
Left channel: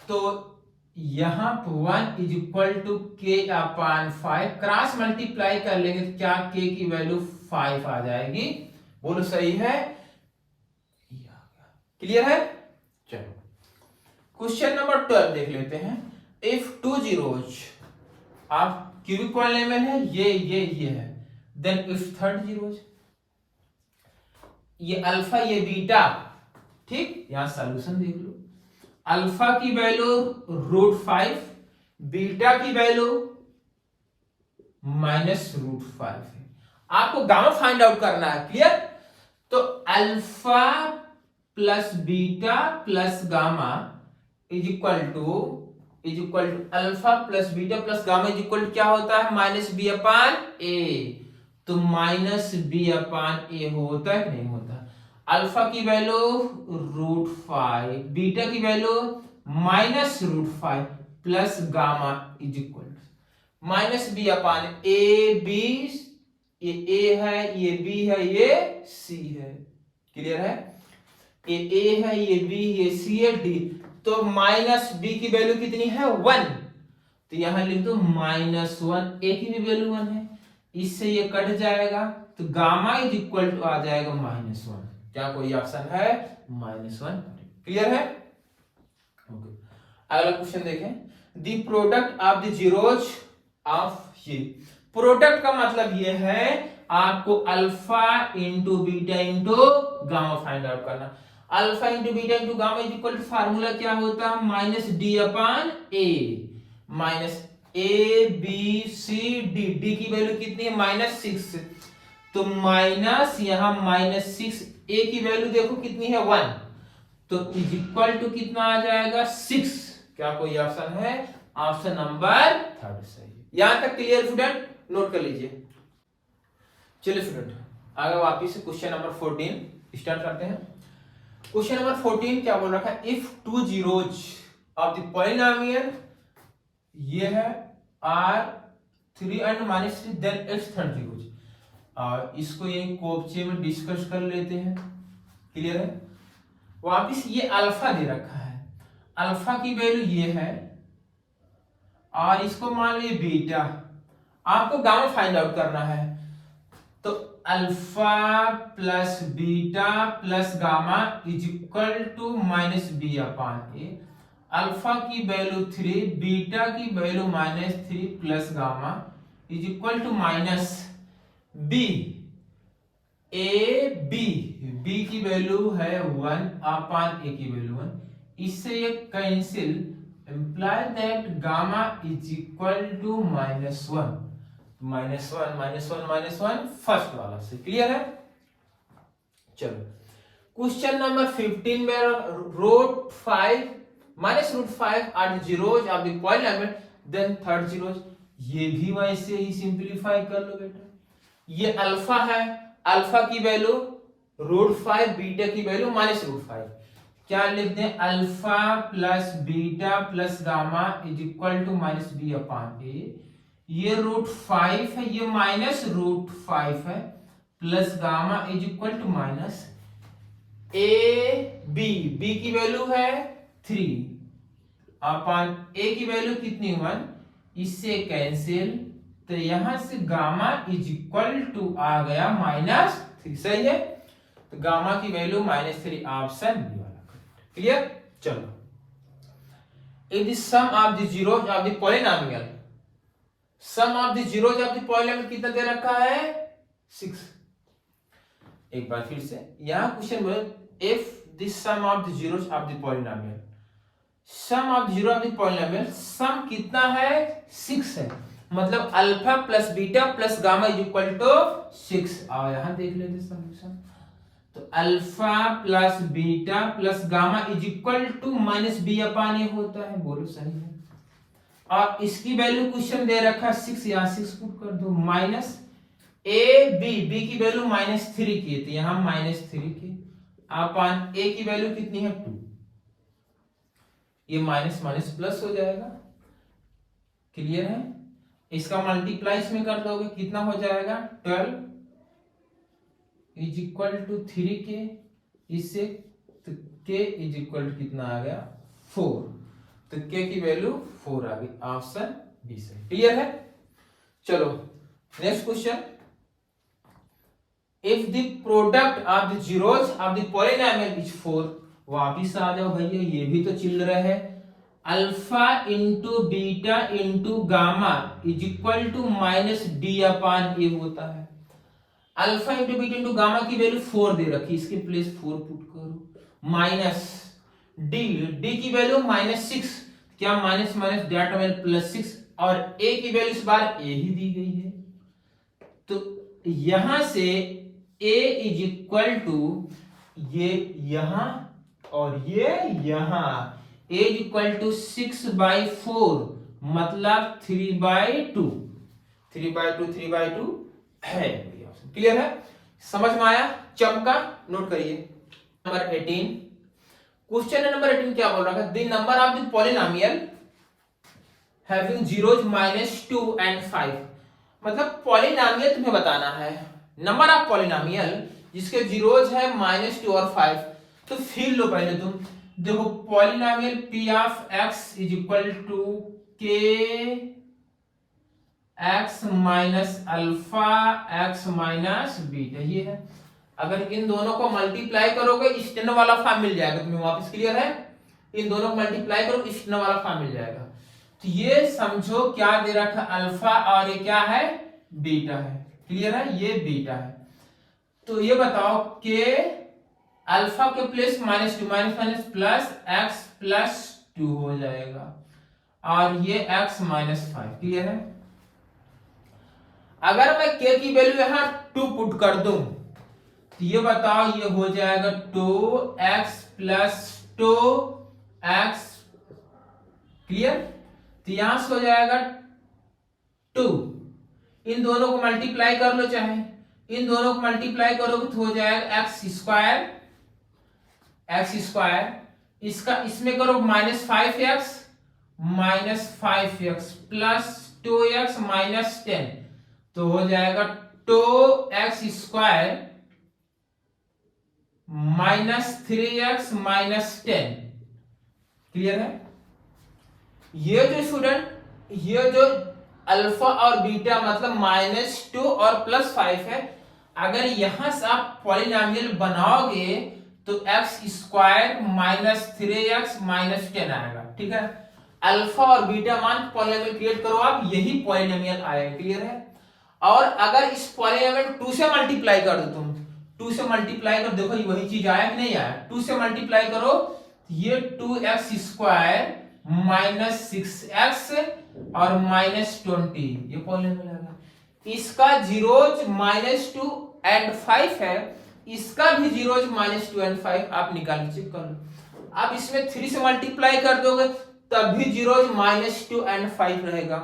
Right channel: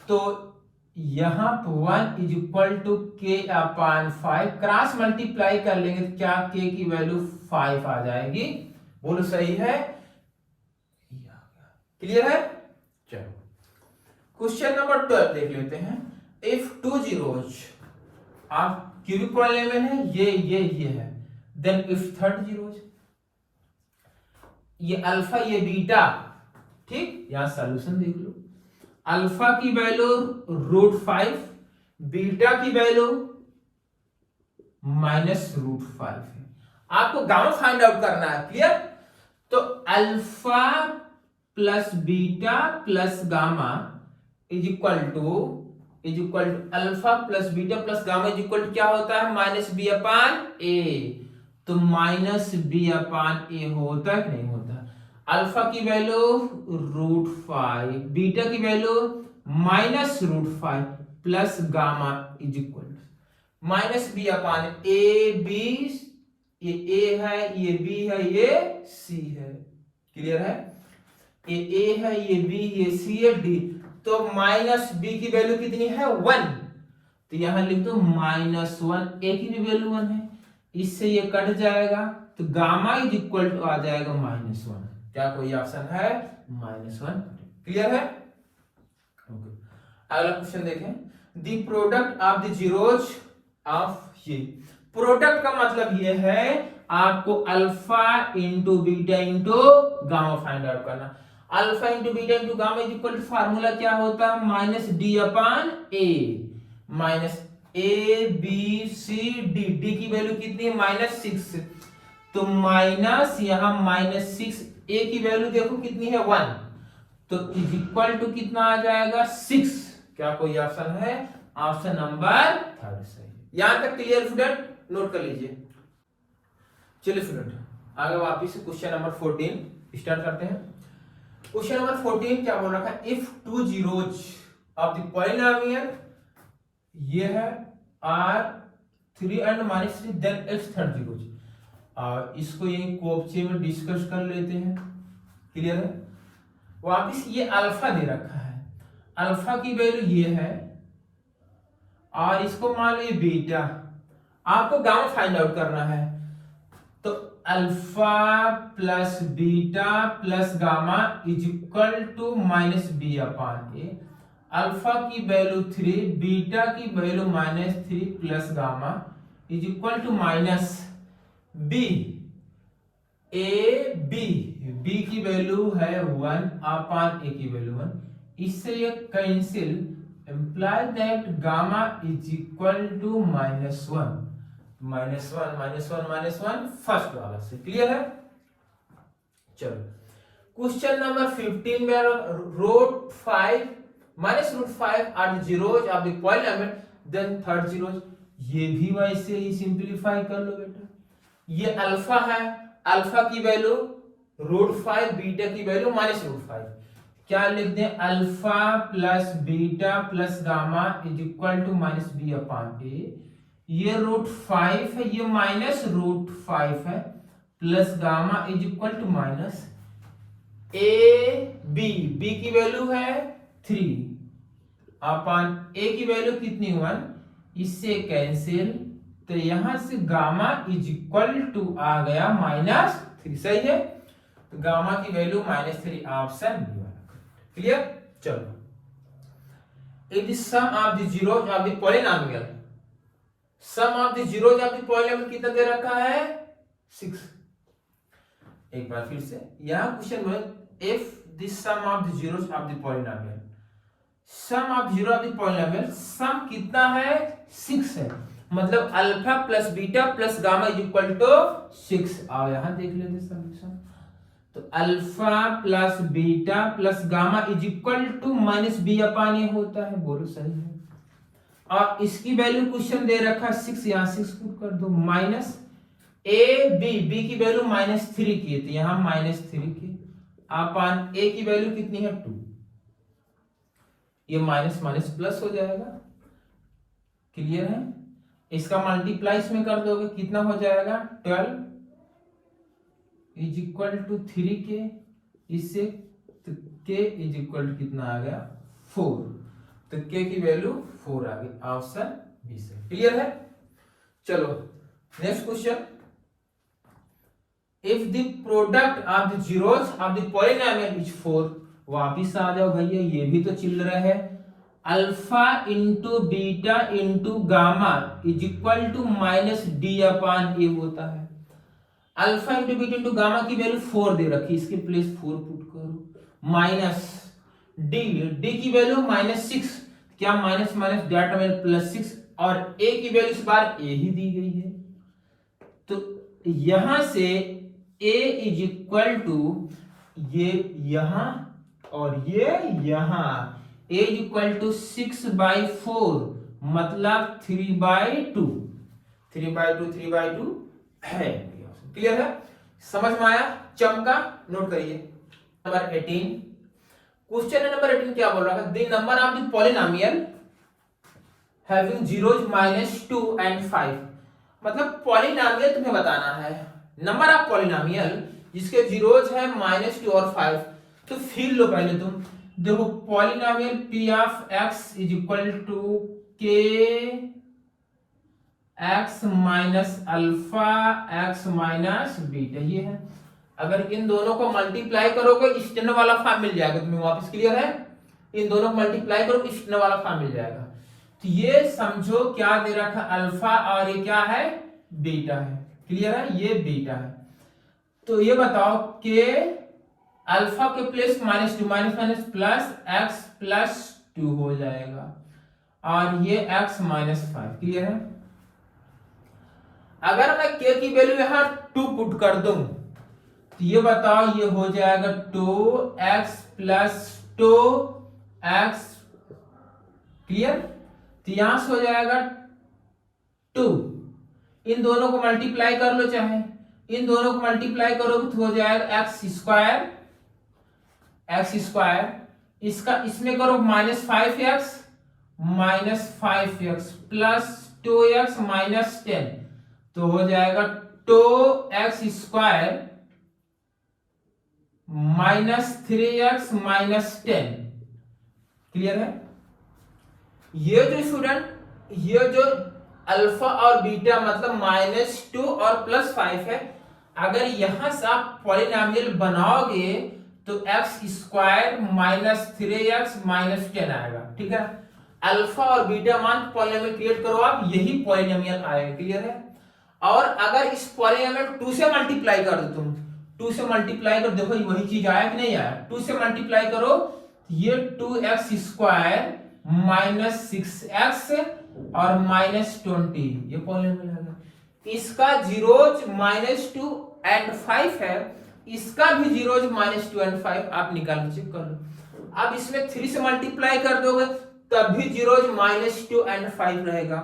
तो यहां 1 इज इक्वल टू के अपान 5, क्रॉस मल्टीप्लाई कर लेंगे तो क्या के की वैल्यू 5 आ जाएगी। बोलो सही है? क्लियर है? चलो क्वेश्चन नंबर 12 देख लेते हैं। If 2 zeros of cubic polynomial है, ये है, देन इफ थर्ड जीरोज, ये अल्फा ये बीटा, ठीक, यहां सॉल्यूशन देख लो। अल्फा की वैल्यू √5, बीटा की वैल्यू -√5 है। आपको गामा फाइंड आउट करना है। क्लियर? तो alpha plus beta plus gamma is equal to alpha plus beta plus gamma is equal to क्या होता है? -b upon A. तो -b अपान ए होता है कि नहीं होता? अल्फा की वैल्यू √5, बीटा की value -√5 plus gamma is equal to -b upon A B. ये ए है, ये बी है, ये सी है। क्लियर है? ये ए है, ये बी, ये सी है, डी। तो -b की वैल्यू कितनी है? 1। तो यहां लिख दो -1, ए की भी वैल्यू 1 है, इससे ये कट जाएगा, तो गामा इज इक्वल टू आ जाएगा -1। क्या कोई ऑप्शन है? -1। क्लियर है? ओके। अगला क्वेश्चन देखें। The product of the zeros of ये। प्रोडक्ट का मतलब ये है आपको alpha into beta into gamma find out करना। Alpha into beta into gamma is equal to formula क्या होता है? -d upon A, -a b c d। D की वैल्यू कितनी है? -6। तो माइनस यहां -6, ए की वैल्यू देखो कितनी है? 1। तो इज इक्वल टू कितना आ जाएगा? 6। क्या कोई ऑप्शन है? ऑप्शन नंबर 3 सही है। यहां तक क्लियर स्टूडेंट? नोट कर लीजिए। चलिए स्टूडेंट आगे वापिस से क्वेश्चन नंबर 14 स्टार्ट करते हैं। क्वेश्चन नंबर 14 क्या बोल रखा है? If 2 zeros of the polynomial, ये है r3 and -3, then its third zeros. इसको यही कोपचे में डिस्कस कर लेते हैं। क्लियर है? वापिस ये अल्फा दे रखा है, अल्फा की वैल्यू ये है और इसको मान लीजिए बीटा। आपको गामा फाइंड आउट करना है, तो alpha plus beta plus gamma is equal to -b upon A. Alpha की वैल्यू 3, बीटा की value -3 plus gamma is equal to -b A B. B की वैल्यू है 1 अपान ए की value 1। इससे ये cancel, imply that gamma is equal to -1 first वाला से। Clear है? चलो क्वेश्चन नंबर 15 में √5 -√5 are zeros of the polynomial, then third zeros. ये भी वैसे ही सिंपलीफाई कर लो बेटा। ये अल्फा है, अल्फा की वैल्यू √5, बीटा की वैल्यू -√5। क्या लिख दें, alpha plus beta plus gamma is equal to -b/a। ये √5 है, ये -√5 है, plus gamma is equal to minus B की वैल्यू है 3 अपॉन ए की वैल्यू कितनी 1, इससे कैंसिल, तो यहां से गामा इज इक्वल टू आ गया -3। सही है, तो गामा की वैल्यू -3, ऑप्शन बी वाला। क्लियर। चलो, if the sum of the zeros of the polynomial, sum of the zeros of the polynomial कितना दे रखा है 6। एक बार फिर से यहां क्वेश्चन में, if the sum of the zeros of the polynomial, sum of zero of the polynomial, sum कितना है 6 है, मतलब alpha plus beta plus gamma is equal to 6। आओ यहां देख लेते सॉल्यूशन। तो alpha plus beta plus gamma is equal to -b/a होता है, बोलो सही है। और इसकी वैल्यू क्वेश्चन दे रखा है 6, यहां 6 पुट कर दो, माइनस बी की वैल्यू -3 की है, तो यहां -3 की अपॉन ए की वैल्यू कितनी है 2, ये माइनस माइनस प्लस हो जाएगा। क्लियर है। इसका मल्टीप्लाई इसमें कर दोगे, कितना हो जाएगा 12 इज इक्वल टू 3k, इससे k इज इक्वल टू कितना आ गया 4, तो k की वैल्यू 4 आ गई, ऑप्शन बी से। क्लियर है। चलो next question, if the product of the zeros of the polynomial is 4, वापिस आ जाओ भैया, ये भी तो चिल रहा है। Alpha into beta into gamma is equal to -d/a होता है। Alpha into beta into gamma की वैल्यू 4 दे रखी, इसके प्लेस 4 पुट करो, माइनस डी की वैल्यू -6, क्या माइनस माइनस डाटा में +6, और ए की वैल्यू इस बार ए ही दी गई है, तो यहां से ए इज इक्वल टू, ये यहां और ये यहां, a इक्वल टू 6/4, मतलब 3/2, 3/2 है। क्लियर है, समझ में आया, चमका। नोट करिए नंबर 18, क्वेश्चन नंबर 18 क्या बोल रहा है, the number of the polynomial having zeros -2 and 5, मतलब पॉलिनोमियल तुम्हें बताना है, नंबर ऑफ पॉलिनोमियल जिसके जीरोस है -2 और 5। तो फिर लो पहले तुम, देखो polynomial p of x is equal to k x minus alpha x minus beta, ये है। अगर इन दोनों को मल्टीप्लाई करोगे स्टैंड वाला फॉर्म मिल जाएगा तुम्हें वापस। क्लियर है, इन दोनों को मल्टीप्लाई करो स्टैंड वाला फॉर्म मिल जाएगा। तो ये समझो क्या दे रखा है अल्फा, और ये क्या है बीटा है। क्लियर है, ये बीटा है। तो ये बताओ कि अल्फा के प्लेस -2, माइनस प्लस x +2 हो जाएगा, और ये x -5। क्लियर है। अगर मैं k की वैल्यू यहां 2 पुट कर दूं, तो ये बताओ ये हो जाएगा 2x + 2x। क्लियर, तो यहां से हो जाएगा 2, इन दोनों को मल्टीप्लाई कर लो, चाहे इन दोनों को मल्टीप्लाई करोगे तो हो जाएगा x², इसका इसमें करो -5x प्लस 2x -10, तो हो जाएगा 2x² -3x -10। क्लियर है। ये जो स्टूडेंट, ये जो अल्फा और बीटा मतलब -2 और +5 है, अगर यहां से आप पॉलिनोमियल बनाओगे तो x² -3x -10 आएगा। ठीक है, अल्फा और बीटा मान पॉलिनोमियल क्रिएट करो आप, यही पॉलिनोमियल आएगा। क्लियर है। और अगर इस पॉलिनोमियल 2 से मल्टीप्लाई कर दो, तुम 2 से मल्टीप्लाई करो, देखो वही चीज आया कि नहीं आया। 2 से मल्टीप्लाई करो, ये 2x² -6x और -20, ये पॉलिनोमियल आएगा। इसका जीरोज -2 and 5 है, इसका भी जीरोज -2 and 5, आप निकाल के चेक कर लो। अब इसमें 3 से मल्टीप्लाई कर दोगे तब भी जीरोज -2 and 5 रहेगा,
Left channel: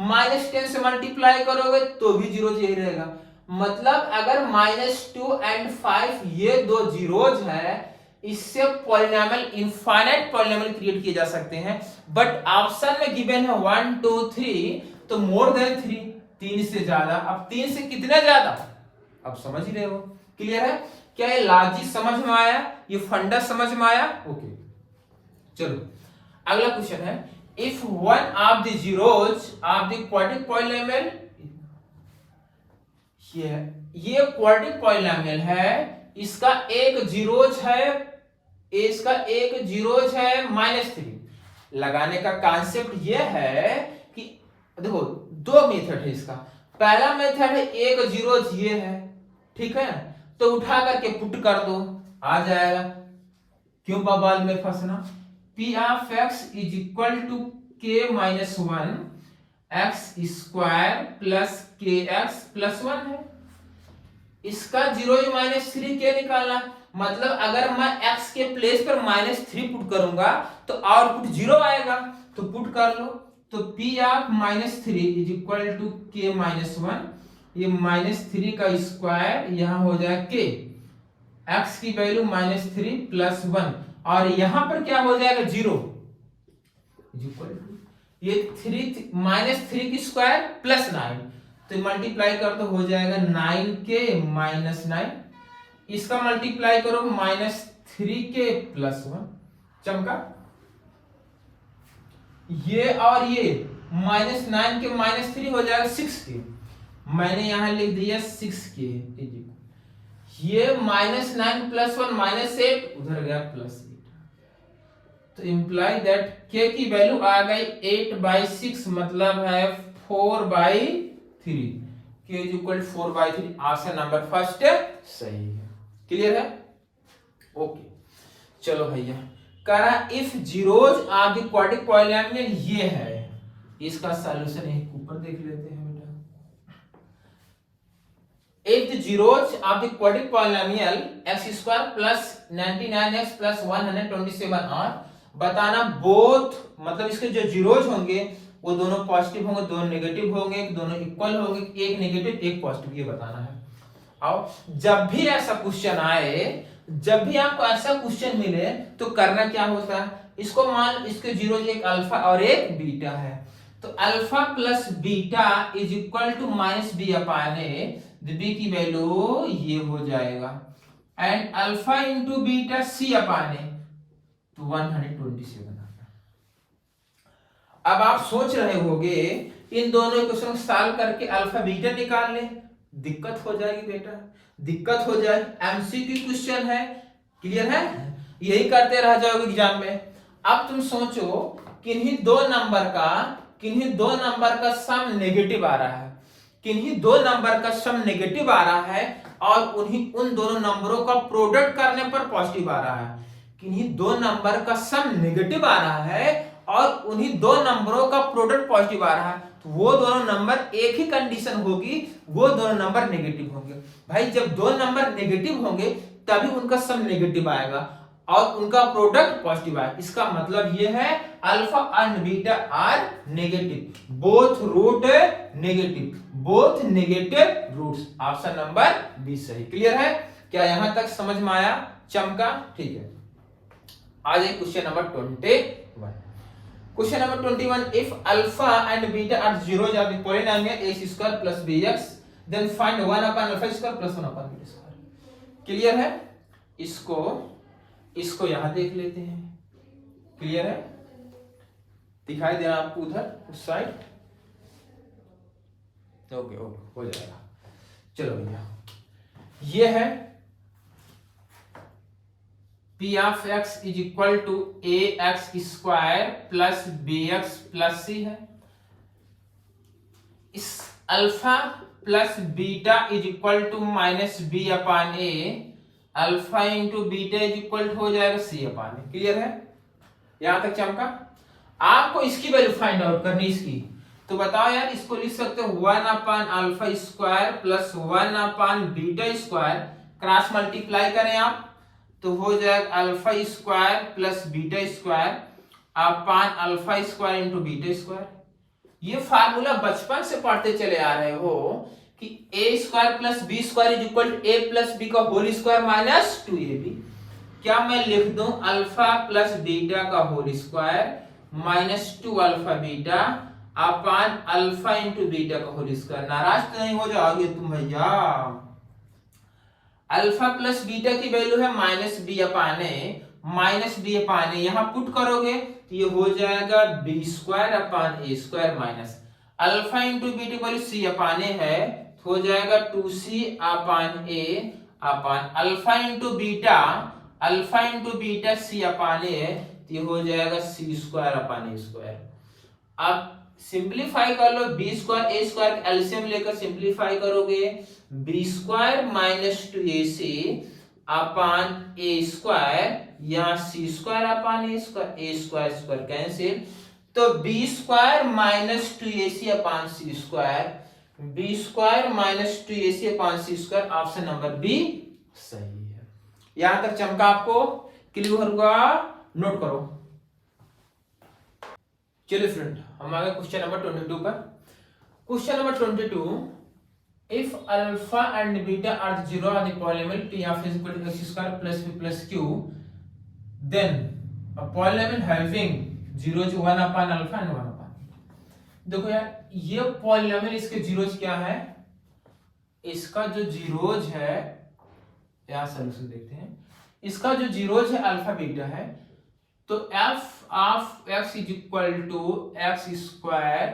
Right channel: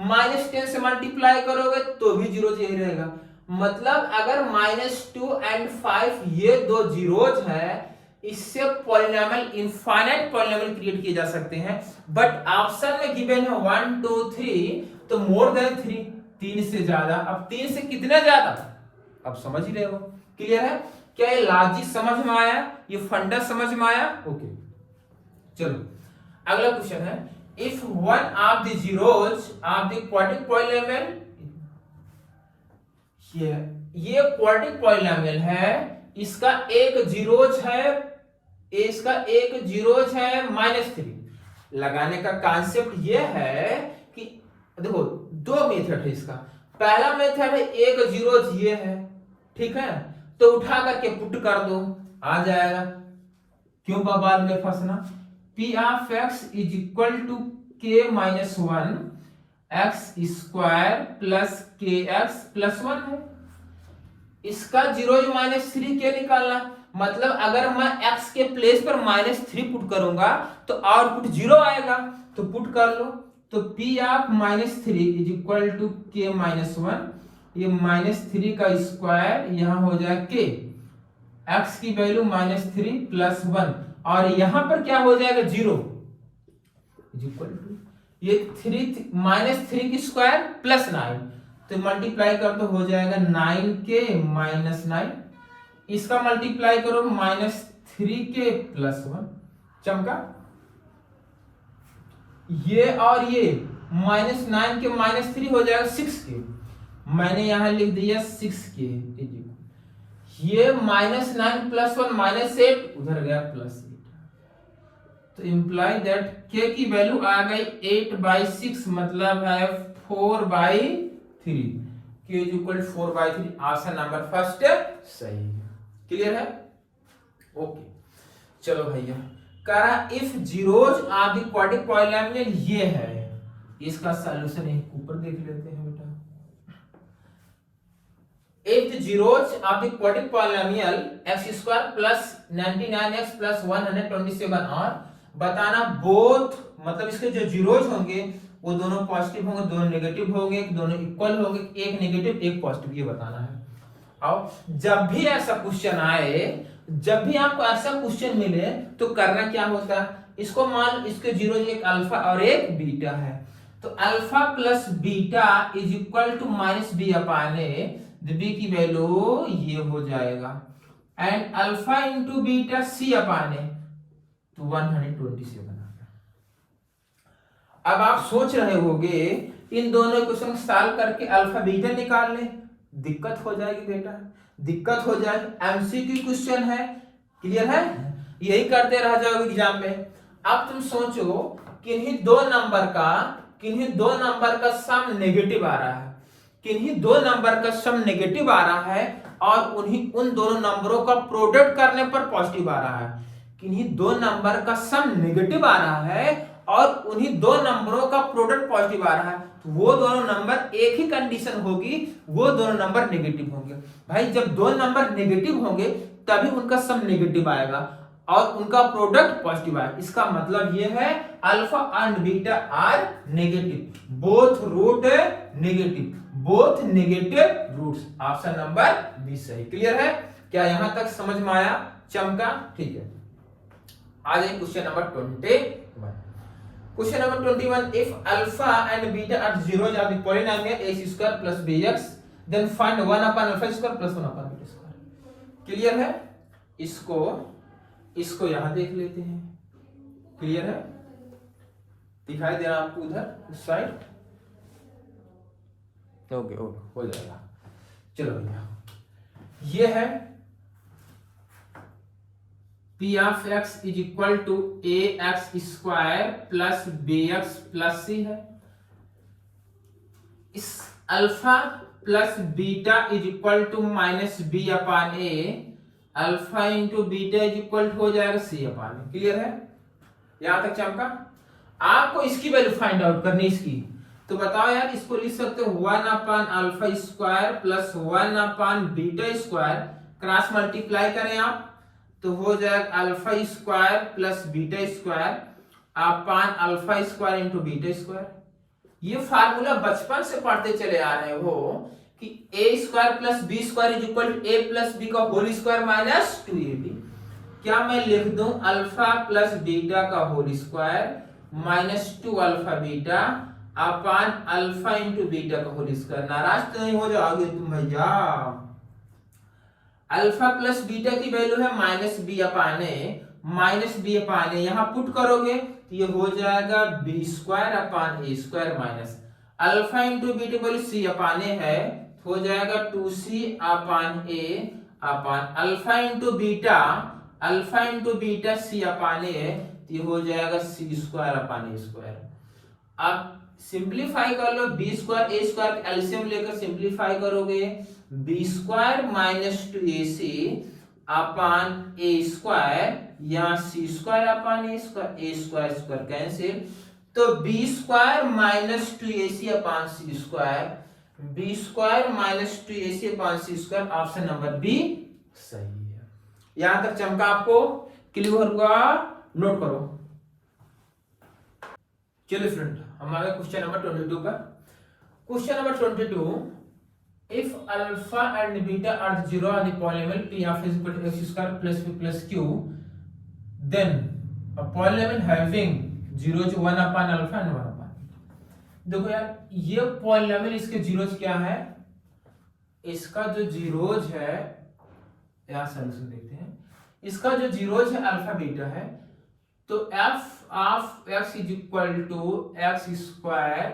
-10 से मल्टीप्लाई करोगे तो भी जीरोज यही रहेगा, मतलब अगर -2 and 5 ये दो जीरोज है, इससे पॉलिनोमियल इनफाइनाइट पॉलिनोमियल क्रिएट किए जा सकते हैं। बट ऑप्शन में गिवन है 1 2 3, तो मोर देन 3, 3 से ज्यादा। अब 3 से कितना ज्यादा, अब समझ ही रहे हो। क्लियर है? क्या ये लॉजिक समझ में आया, ये फंडा समझ में आया? ओके, चलो अगला क्वेश्चन है, if one of the zeros of the quadratic polynomial, ये क्वाड्रेटिक पॉलिनोमियल है, इसका एक जीरोज है, इसका एक जीरोज है -3। लगाने का कॉन्सेप्ट ये है कि देखो दो मेथड है इसका। पहला मेथड है एक जीरोज ये है, ठीक है, तो उठा करके पुट कर दो, आ जाएगा। क्यों बवाल में फंसना। P of x is equal to k minus 1 X square plus K X plus 1 है। इसका जीरोज -3 के निकालना, मतलब अगर मैं x के प्लेस पर -3 पुट करूंगा तो आउटपुट 0 आएगा, तो पुट कर लो। तो P of -3 is equal to k minus 1, ये -3 का स्क्वायर यहाँ हो जाए k, x की वैल्यू -3 प्लस 1, और यहां पर क्या हो जाएगा 0 इज इक्वल टू ये 3 -3 की स्क्वायर प्लस 9, तो मल्टीप्लाई कर तो हो जाएगा 9k माइनस 9, इसका मल्टीप्लाई करो -3k प्लस 1, चमका। ये और ये -9 के -3 हो जाएगा 6k, मैंने यहां लिख दिया 6k, ये -9 प्लस 1 -8, उधर गया +8, तो इंप्लाई दैट k की वैल्यू आ गई 8/6, मतलब है 4/3, k is equal 4/3। Option number first सही है। क्लियर है? ओके, चलो भैया, करा if zeros of the quadratic polynomial ये है, इसका सॉल्यूशन एक ऊपर देख लेते हैं बेटा। If the zeros of the quadratic polynomial x square plus 99x plus 127 और बताना बोथ, मतलब इसके जो जीरोज होंगे वो दोनों पॉजिटिव होंगे, दोनों नेगेटिव होंगे, दोनों इक्वल होंगे, एक नेगेटिव एक पॉजिटिव, ये बताना है। और जब भी ऐसा क्वेश्चन आए, जब भी आपको ऐसा क्वेश्चन मिले तो करना क्या होता है, इसको मान इसके जीरोज एक अल्फा और एक बीटा है, तो alpha plus beta is equal to -b upon a, B की वैल्यू ये हो जाएगा, and alpha into beta c upon a, तो 127 आता है। अब आप सोच रहे होगे इन दोनों इक्वेशन सॉल्व करके अल्फा बीटा निकाल ले, दिक्कत हो जाएगी बेटा, दिक्कत हो जाए, एमसीक्यू क्वेश्चन है। क्लियर है? यही करते रह जाओगे एग्जाम में। अब तुम सोचो किन्हीं दो नंबर का सम नेगेटिव आ रहा है, किन्हीं दो नंबर का सम नेगेटिव आ रहा है, और उन दोनों नंबरों का प्रोडक्ट करने पर पॉजिटिव आ रहा है। किन्हीं दो नंबर का सम नेगेटिव आ रहा है और उन्हीं दो नंबरों का प्रोडक्ट पॉजिटिव आ रहा है, तो वो दोनों नंबर एक ही कंडीशन होगी, वो दोनों नंबर नेगेटिव होंगे। भाई जब दो नंबर नेगेटिव होंगे तभी उनका सम नेगेटिव आएगा और उनका प्रोडक्ट पॉजिटिव आएगा। इसका मतलब ये है alpha and beta are negative, both root negative, both negative roots. Option number B सही। क्लियर है? क्या यहां तक समझ में आया? चमका? ठीक है। आ जाए question number 21। Question number 21, if alpha and beta are zeros of the polynomial x square plus bx, then find 1 upon alpha square plus 1 upon beta square. Clear है? इसको यहां देख लेते हैं। क्लियर है? दिखाई दे रहा आपको उधर उस साइड? ओके, हो जाएगा। चलो भैया, ये है P of x is equal to ax square plus bx plus c है। इस alpha plus beta is equal to -b upon a, alpha into beta is equal to हो जाएगा c अपान a। क्लियर है? यहां तक चमका? आपको इसकी वैल्यू फाइंड आउट करनी इसकी, तो बताओ यार, इसको लिख सकते हो 1 upon alpha square plus 1 upon beta square, cross multiply करें आप तो हो जाएगा alpha square plus beta square upon alpha square into beta square. ये फार्मूला बचपन से पढ़ते चले आ रहे हो कि A square plus B square is equal to A plus B का होल स्क्वायर माइनस 2ab। क्या मैं लिख दूं अल्फा प्लस बीटा का whole square minus 2 alpha beta upon alpha into beta का होल स्क्वायर। नाराज तो नहीं हो जाओगे तुम भैया। अल्फा प्लस बीटा की वैल्यू है minus B upon A, minus B upon A यहां पुट करोगे तो ये हो जाएगा B square upon A square minus alpha into beta की वैल्यू सी अपान ए है, हो जाएगा 2c upon A upon alpha into beta, alpha into beta C upon A है तो ये हो जाएगा सी स्क्वायर अपान ए स्क्वायर। अब सिंप्लीफाई कर लो, बी स्क्वायर ए स्क्वायर का एलसीएम लेकर सिंप्लीफाई करोगे, B square minus 2ac upon A square या C square upon A square square cancel, तो B square minus 2ac upon C square, B square minus 2ac upon C square, option number B सही है। यहां तक चमका आपको clear हुआ? Note करो। चलिए फ्रेंड हम आ गए क्वेश्चन नंबर 22 पर। Question number 22, if alpha and beta are zero on the polynomial p of is equal to x square plus b plus q, then a polynomial having zeros 1 upon alpha and 1 upon beta। देखो यार ये polynomial इसके zeros क्या है, इसका जो zeros है यहाँ सॉल्यूशन देखते हैं, इसका जो जीरोज है अल्फा बीटा है, तो f of x is equal to X square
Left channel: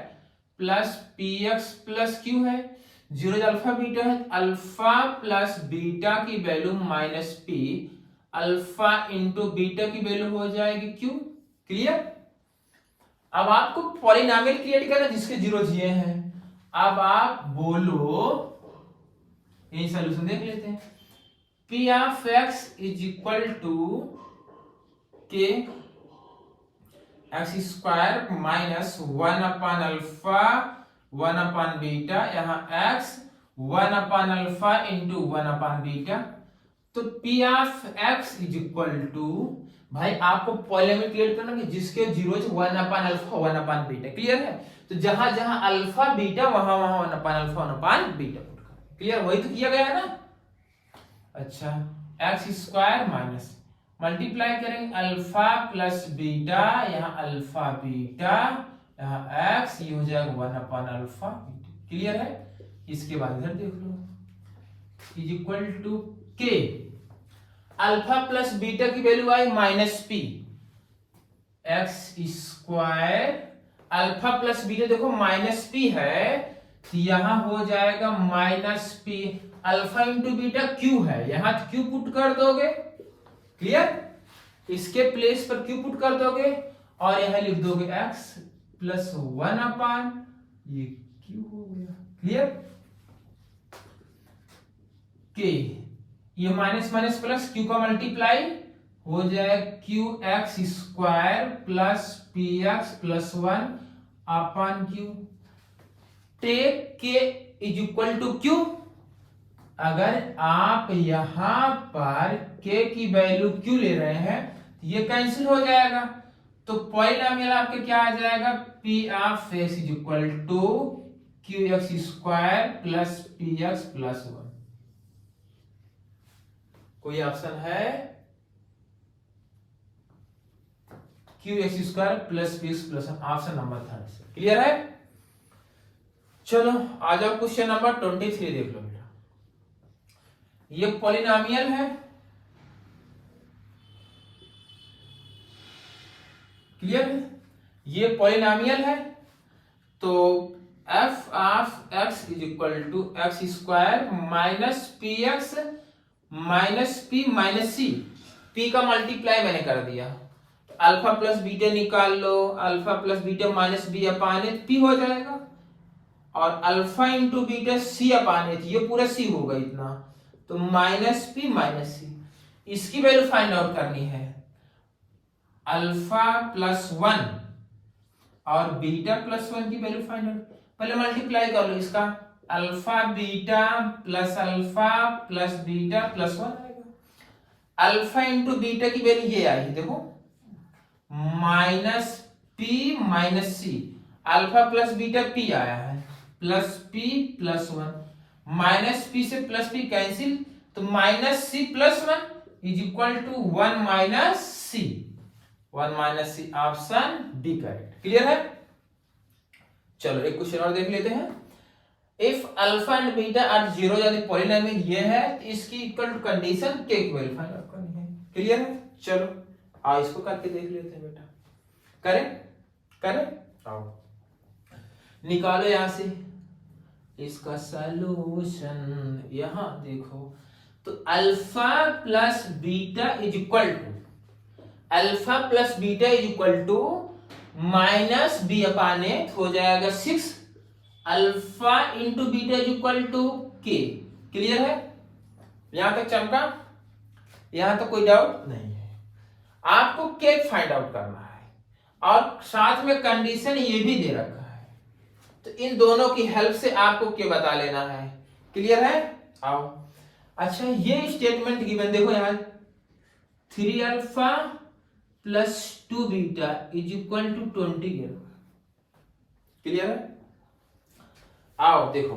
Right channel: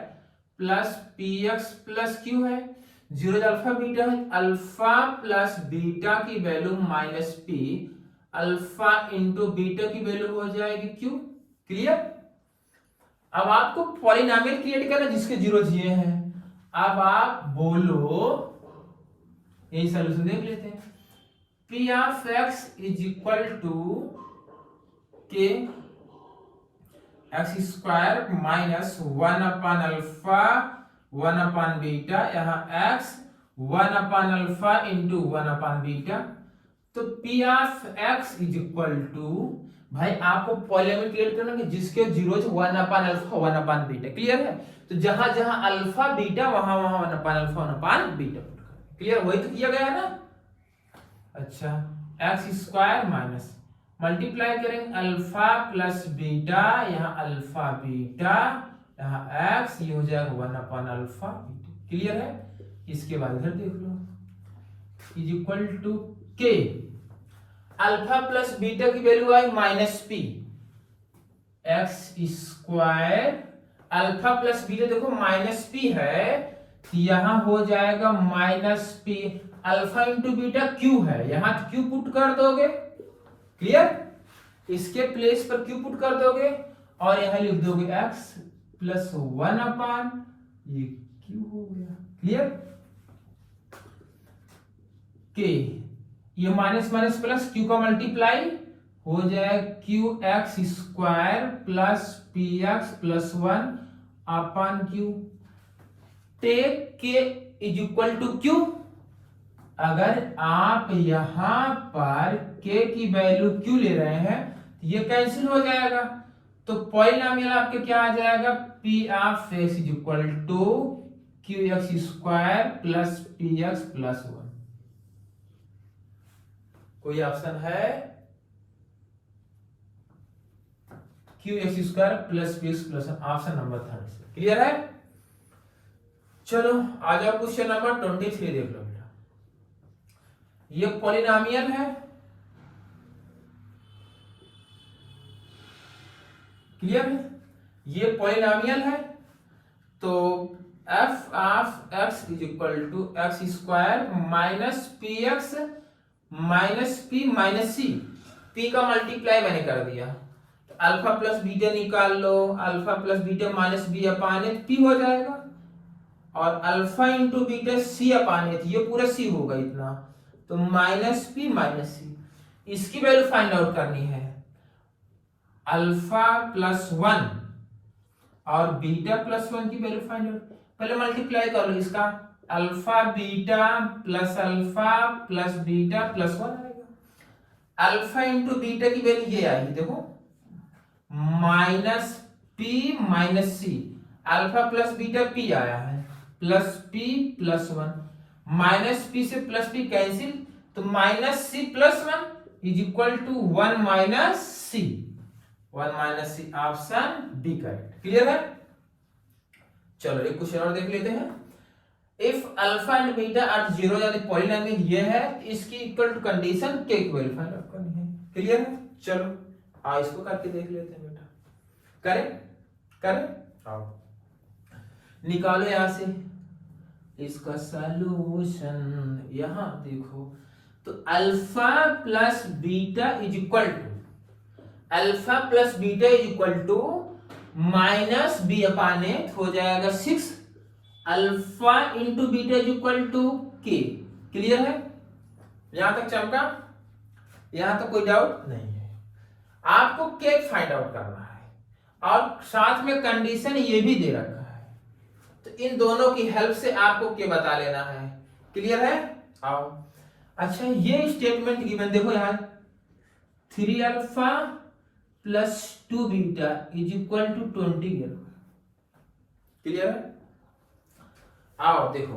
plus P X plus Q है। जीरो अल्फा बीटा है, अल्फा प्लस बीटा की value minus P, alpha into beta की वैल्यू हो जाएगी क्यू। क्लियर? अब आपको पॉलिनोमियल क्रिएट करना जिसके जीरो ये हैं। अब आप बोलो, यही सॉल्यूशन देख लेते हैं। P of x is equal to के x square minus 1 upon alpha 1 upon beta, यहाँ x 1 upon alpha into 1 upon beta, तो p of x is equal to, भाई आपको पॉलिनोमियल क्रिएट करना कि जिसके zeros 1 upon alpha 1 upon beta. Clear है? तो जहां जहां अल्फा बीटा वहां वहां 1 upon alpha 1 upon beta put करें। क्लियर? वही तो किया गया ना। अच्छा, एक्स स्क्वायर माइनस मल्टीप्लाई करेंगे अल्फा प्लस बीटा, यहाँ अल्फा बीटा, यहाँ एक्स, ये हो जाएगा 1 अपान अल्फा बीटा। क्लियर है? इसके बाद इधर देख लो, is equal to K alpha plus beta की वैल्यू आई minus P, X square alpha plus beta देखो माइनस पी है, यहां हो जाएगा minus P, alpha into beta Q है, यहां क्यू पुट कर दोगे। क्लियर? इसके प्लेस पर क्यू पुट कर दोगे और यहां लिख दोगे x प्लस 1 अपान ये क्यू हो गया। क्लियर? के ये माइनस माइनस प्लस क्यू का मल्टीप्लाई हो जाए Q X square plus P X plus 1 upon Q, take K is equal to Q. अगर आप यहां पर k की वैल्यू q ले रहे हैं तो ये कैंसिल हो जाएगा, तो पॉलिनोमियल आपके क्या आ जाएगा, p of x is equal to Q X square plus P X plus 1। कोई ऑप्शन है? Q X square plus P X plus 1, option number 3। Clear है? चलो आ जाओ क्वेश्चन नंबर 23 देख लो। ये पॉलिनोमियल है। क्लियर है? ये पॉलिनोमियल है, तो f of x is equal to X square minus P X minus P minus C, p का मल्टीप्लाई मैंने कर दिया, अल्फा प्लस बीटा निकाल लो, alpha plus beta minus B upon p हो जाएगा, और alpha into beta C upon ये पूरा सी होगा इतना, तो माइनस पी माइनस सी। इसकी वैल्यू फाइंड आउट करनी है, अल्फा प्लस 1 और बीटा प्लस 1 की वैल्यू फाइंड आउट। पहले मल्टीप्लाई कर लो इसका, alpha beta plus beta plus 1 आएगा। अल्फा इंटू बीटा की वैल्यू ये आई, देखो minus P minus C, alpha plus beta P आया है, plus P plus 1 minus P से प्लस पी कैंसिल, तो minus C plus one is equal to one minus C, one minus C, option D correct. Clear है? चलो एक question और देख लेते हैं। If alpha and beta are zero यानी पॉलिनोमियल ये है, तो इसकी equal to condition K equal find out करनी है। क्लियर है? चलो आओ इसको करके देख लेते हैं बेटा। करें आओ निकालो यहां से इसका सॉल्यूशन। यहां देखो तो alpha plus beta is equal to, alpha plus beta is equal to minus B upon A हो जाएगा 6 alpha into beta is equal to K. Clear है? यहां तक चमका? यहां तक कोई डाउट नहीं है। आपको के फाइंड आउट करना है और साथ में कंडीशन ये भी दे रखा है, तो इन दोनों की हेल्प से आपको के बता लेना है। क्लियर है? आओ अच्छा ये स्टेटमेंट गिवन देखो यहां 3 alpha plus 2 beta is equal to 20। Clear है? आओ देखो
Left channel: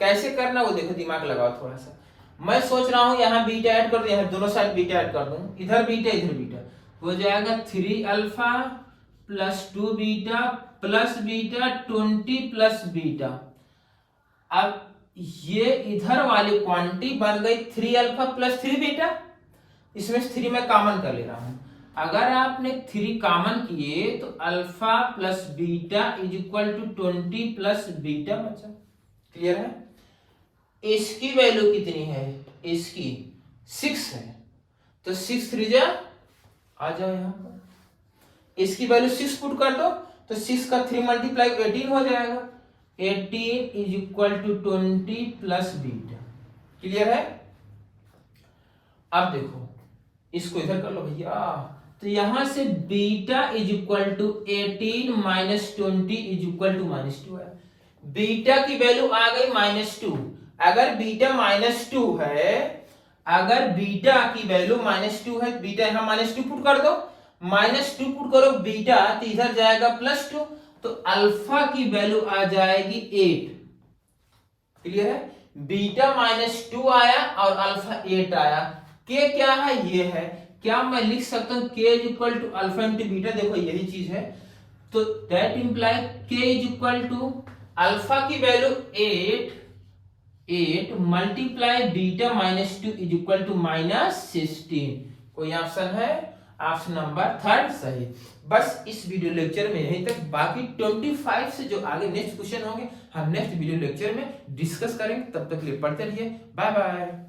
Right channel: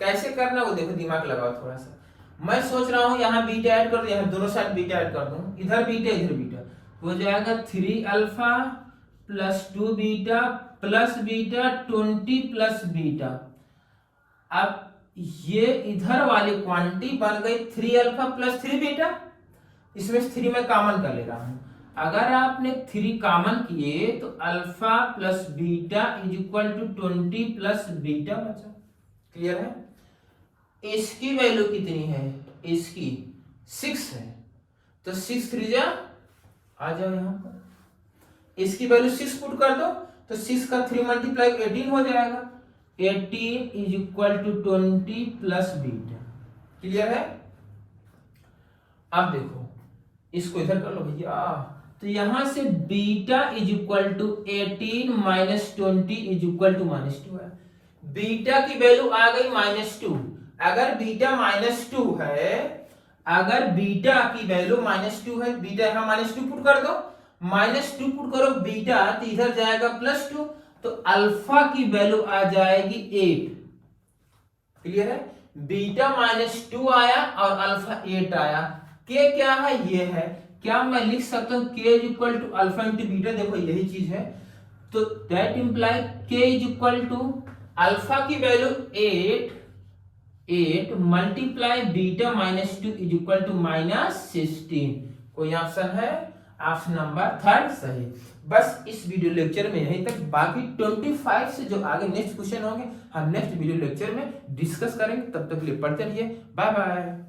कैसे करना वो देखो, दिमाग लगाओ थोड़ा सा। मैं सोच रहा हूं यहां बीटा ऐड कर दूं, यहां दोनों साइड बीटा ऐड कर दूं, इधर बीटा इधर बीटा, हो जाएगा 3 alpha plus 2 beta plus beta 20 plus beta. अब ये इधर वाली क्वांटिटी बन गई 3 अल्फा प्लस 3 बीटा, इसमें 3 में कॉमन कर ले रहा हूं। अगर आपने 3 कॉमन किए तो alpha plus beta is equal to 20 plus beta बचा। क्लियर है? इसकी वैल्यू कितनी है? इसकी 6 है, तो 6 3 जा आ जाओ यहां पर, इसकी वैल्यू 6 पुट कर दो तो 6 का 3 मल्टीप्लाई 18 हो जाएगा। 18 is equal to 20 plus beta. Clear है? अब देखो इसको इधर कर लो भैया, तो यहां से beta is equal to 18 minus 20 is equal to -2 है। बीटा की वैल्यू आ गई -2। अगर बीटा -2 है, अगर बीटा की वैल्यू -2 है, बीटा यहां -2 पुट कर दो, -2 पुट करो बीटा तो इधर जाएगा +2, तो अल्फा की वैल्यू आ जाएगी 8। क्लियर है? बीटा -2 आया और अल्फा 8 आया। के क्या है? ये है। क्या मैं लिख सकता हूं K is equal to alpha into beta? देखो यही चीज है, तो that imply K is equal to alpha की value 8 multiply beta -2 is equal to -16। कोई ऑप्शन है? ऑप्शन नंबर 3 सही। बस इस वीडियो लेक्चर में यहीं तक, बाकी 25 से जो आगे नेक्स्ट क्वेश्चन होंगे हम नेक्स्ट वीडियो लेक्चर में डिस्कस करेंगे। तब तक के लिए पढ़ते रहिए। Bye bye.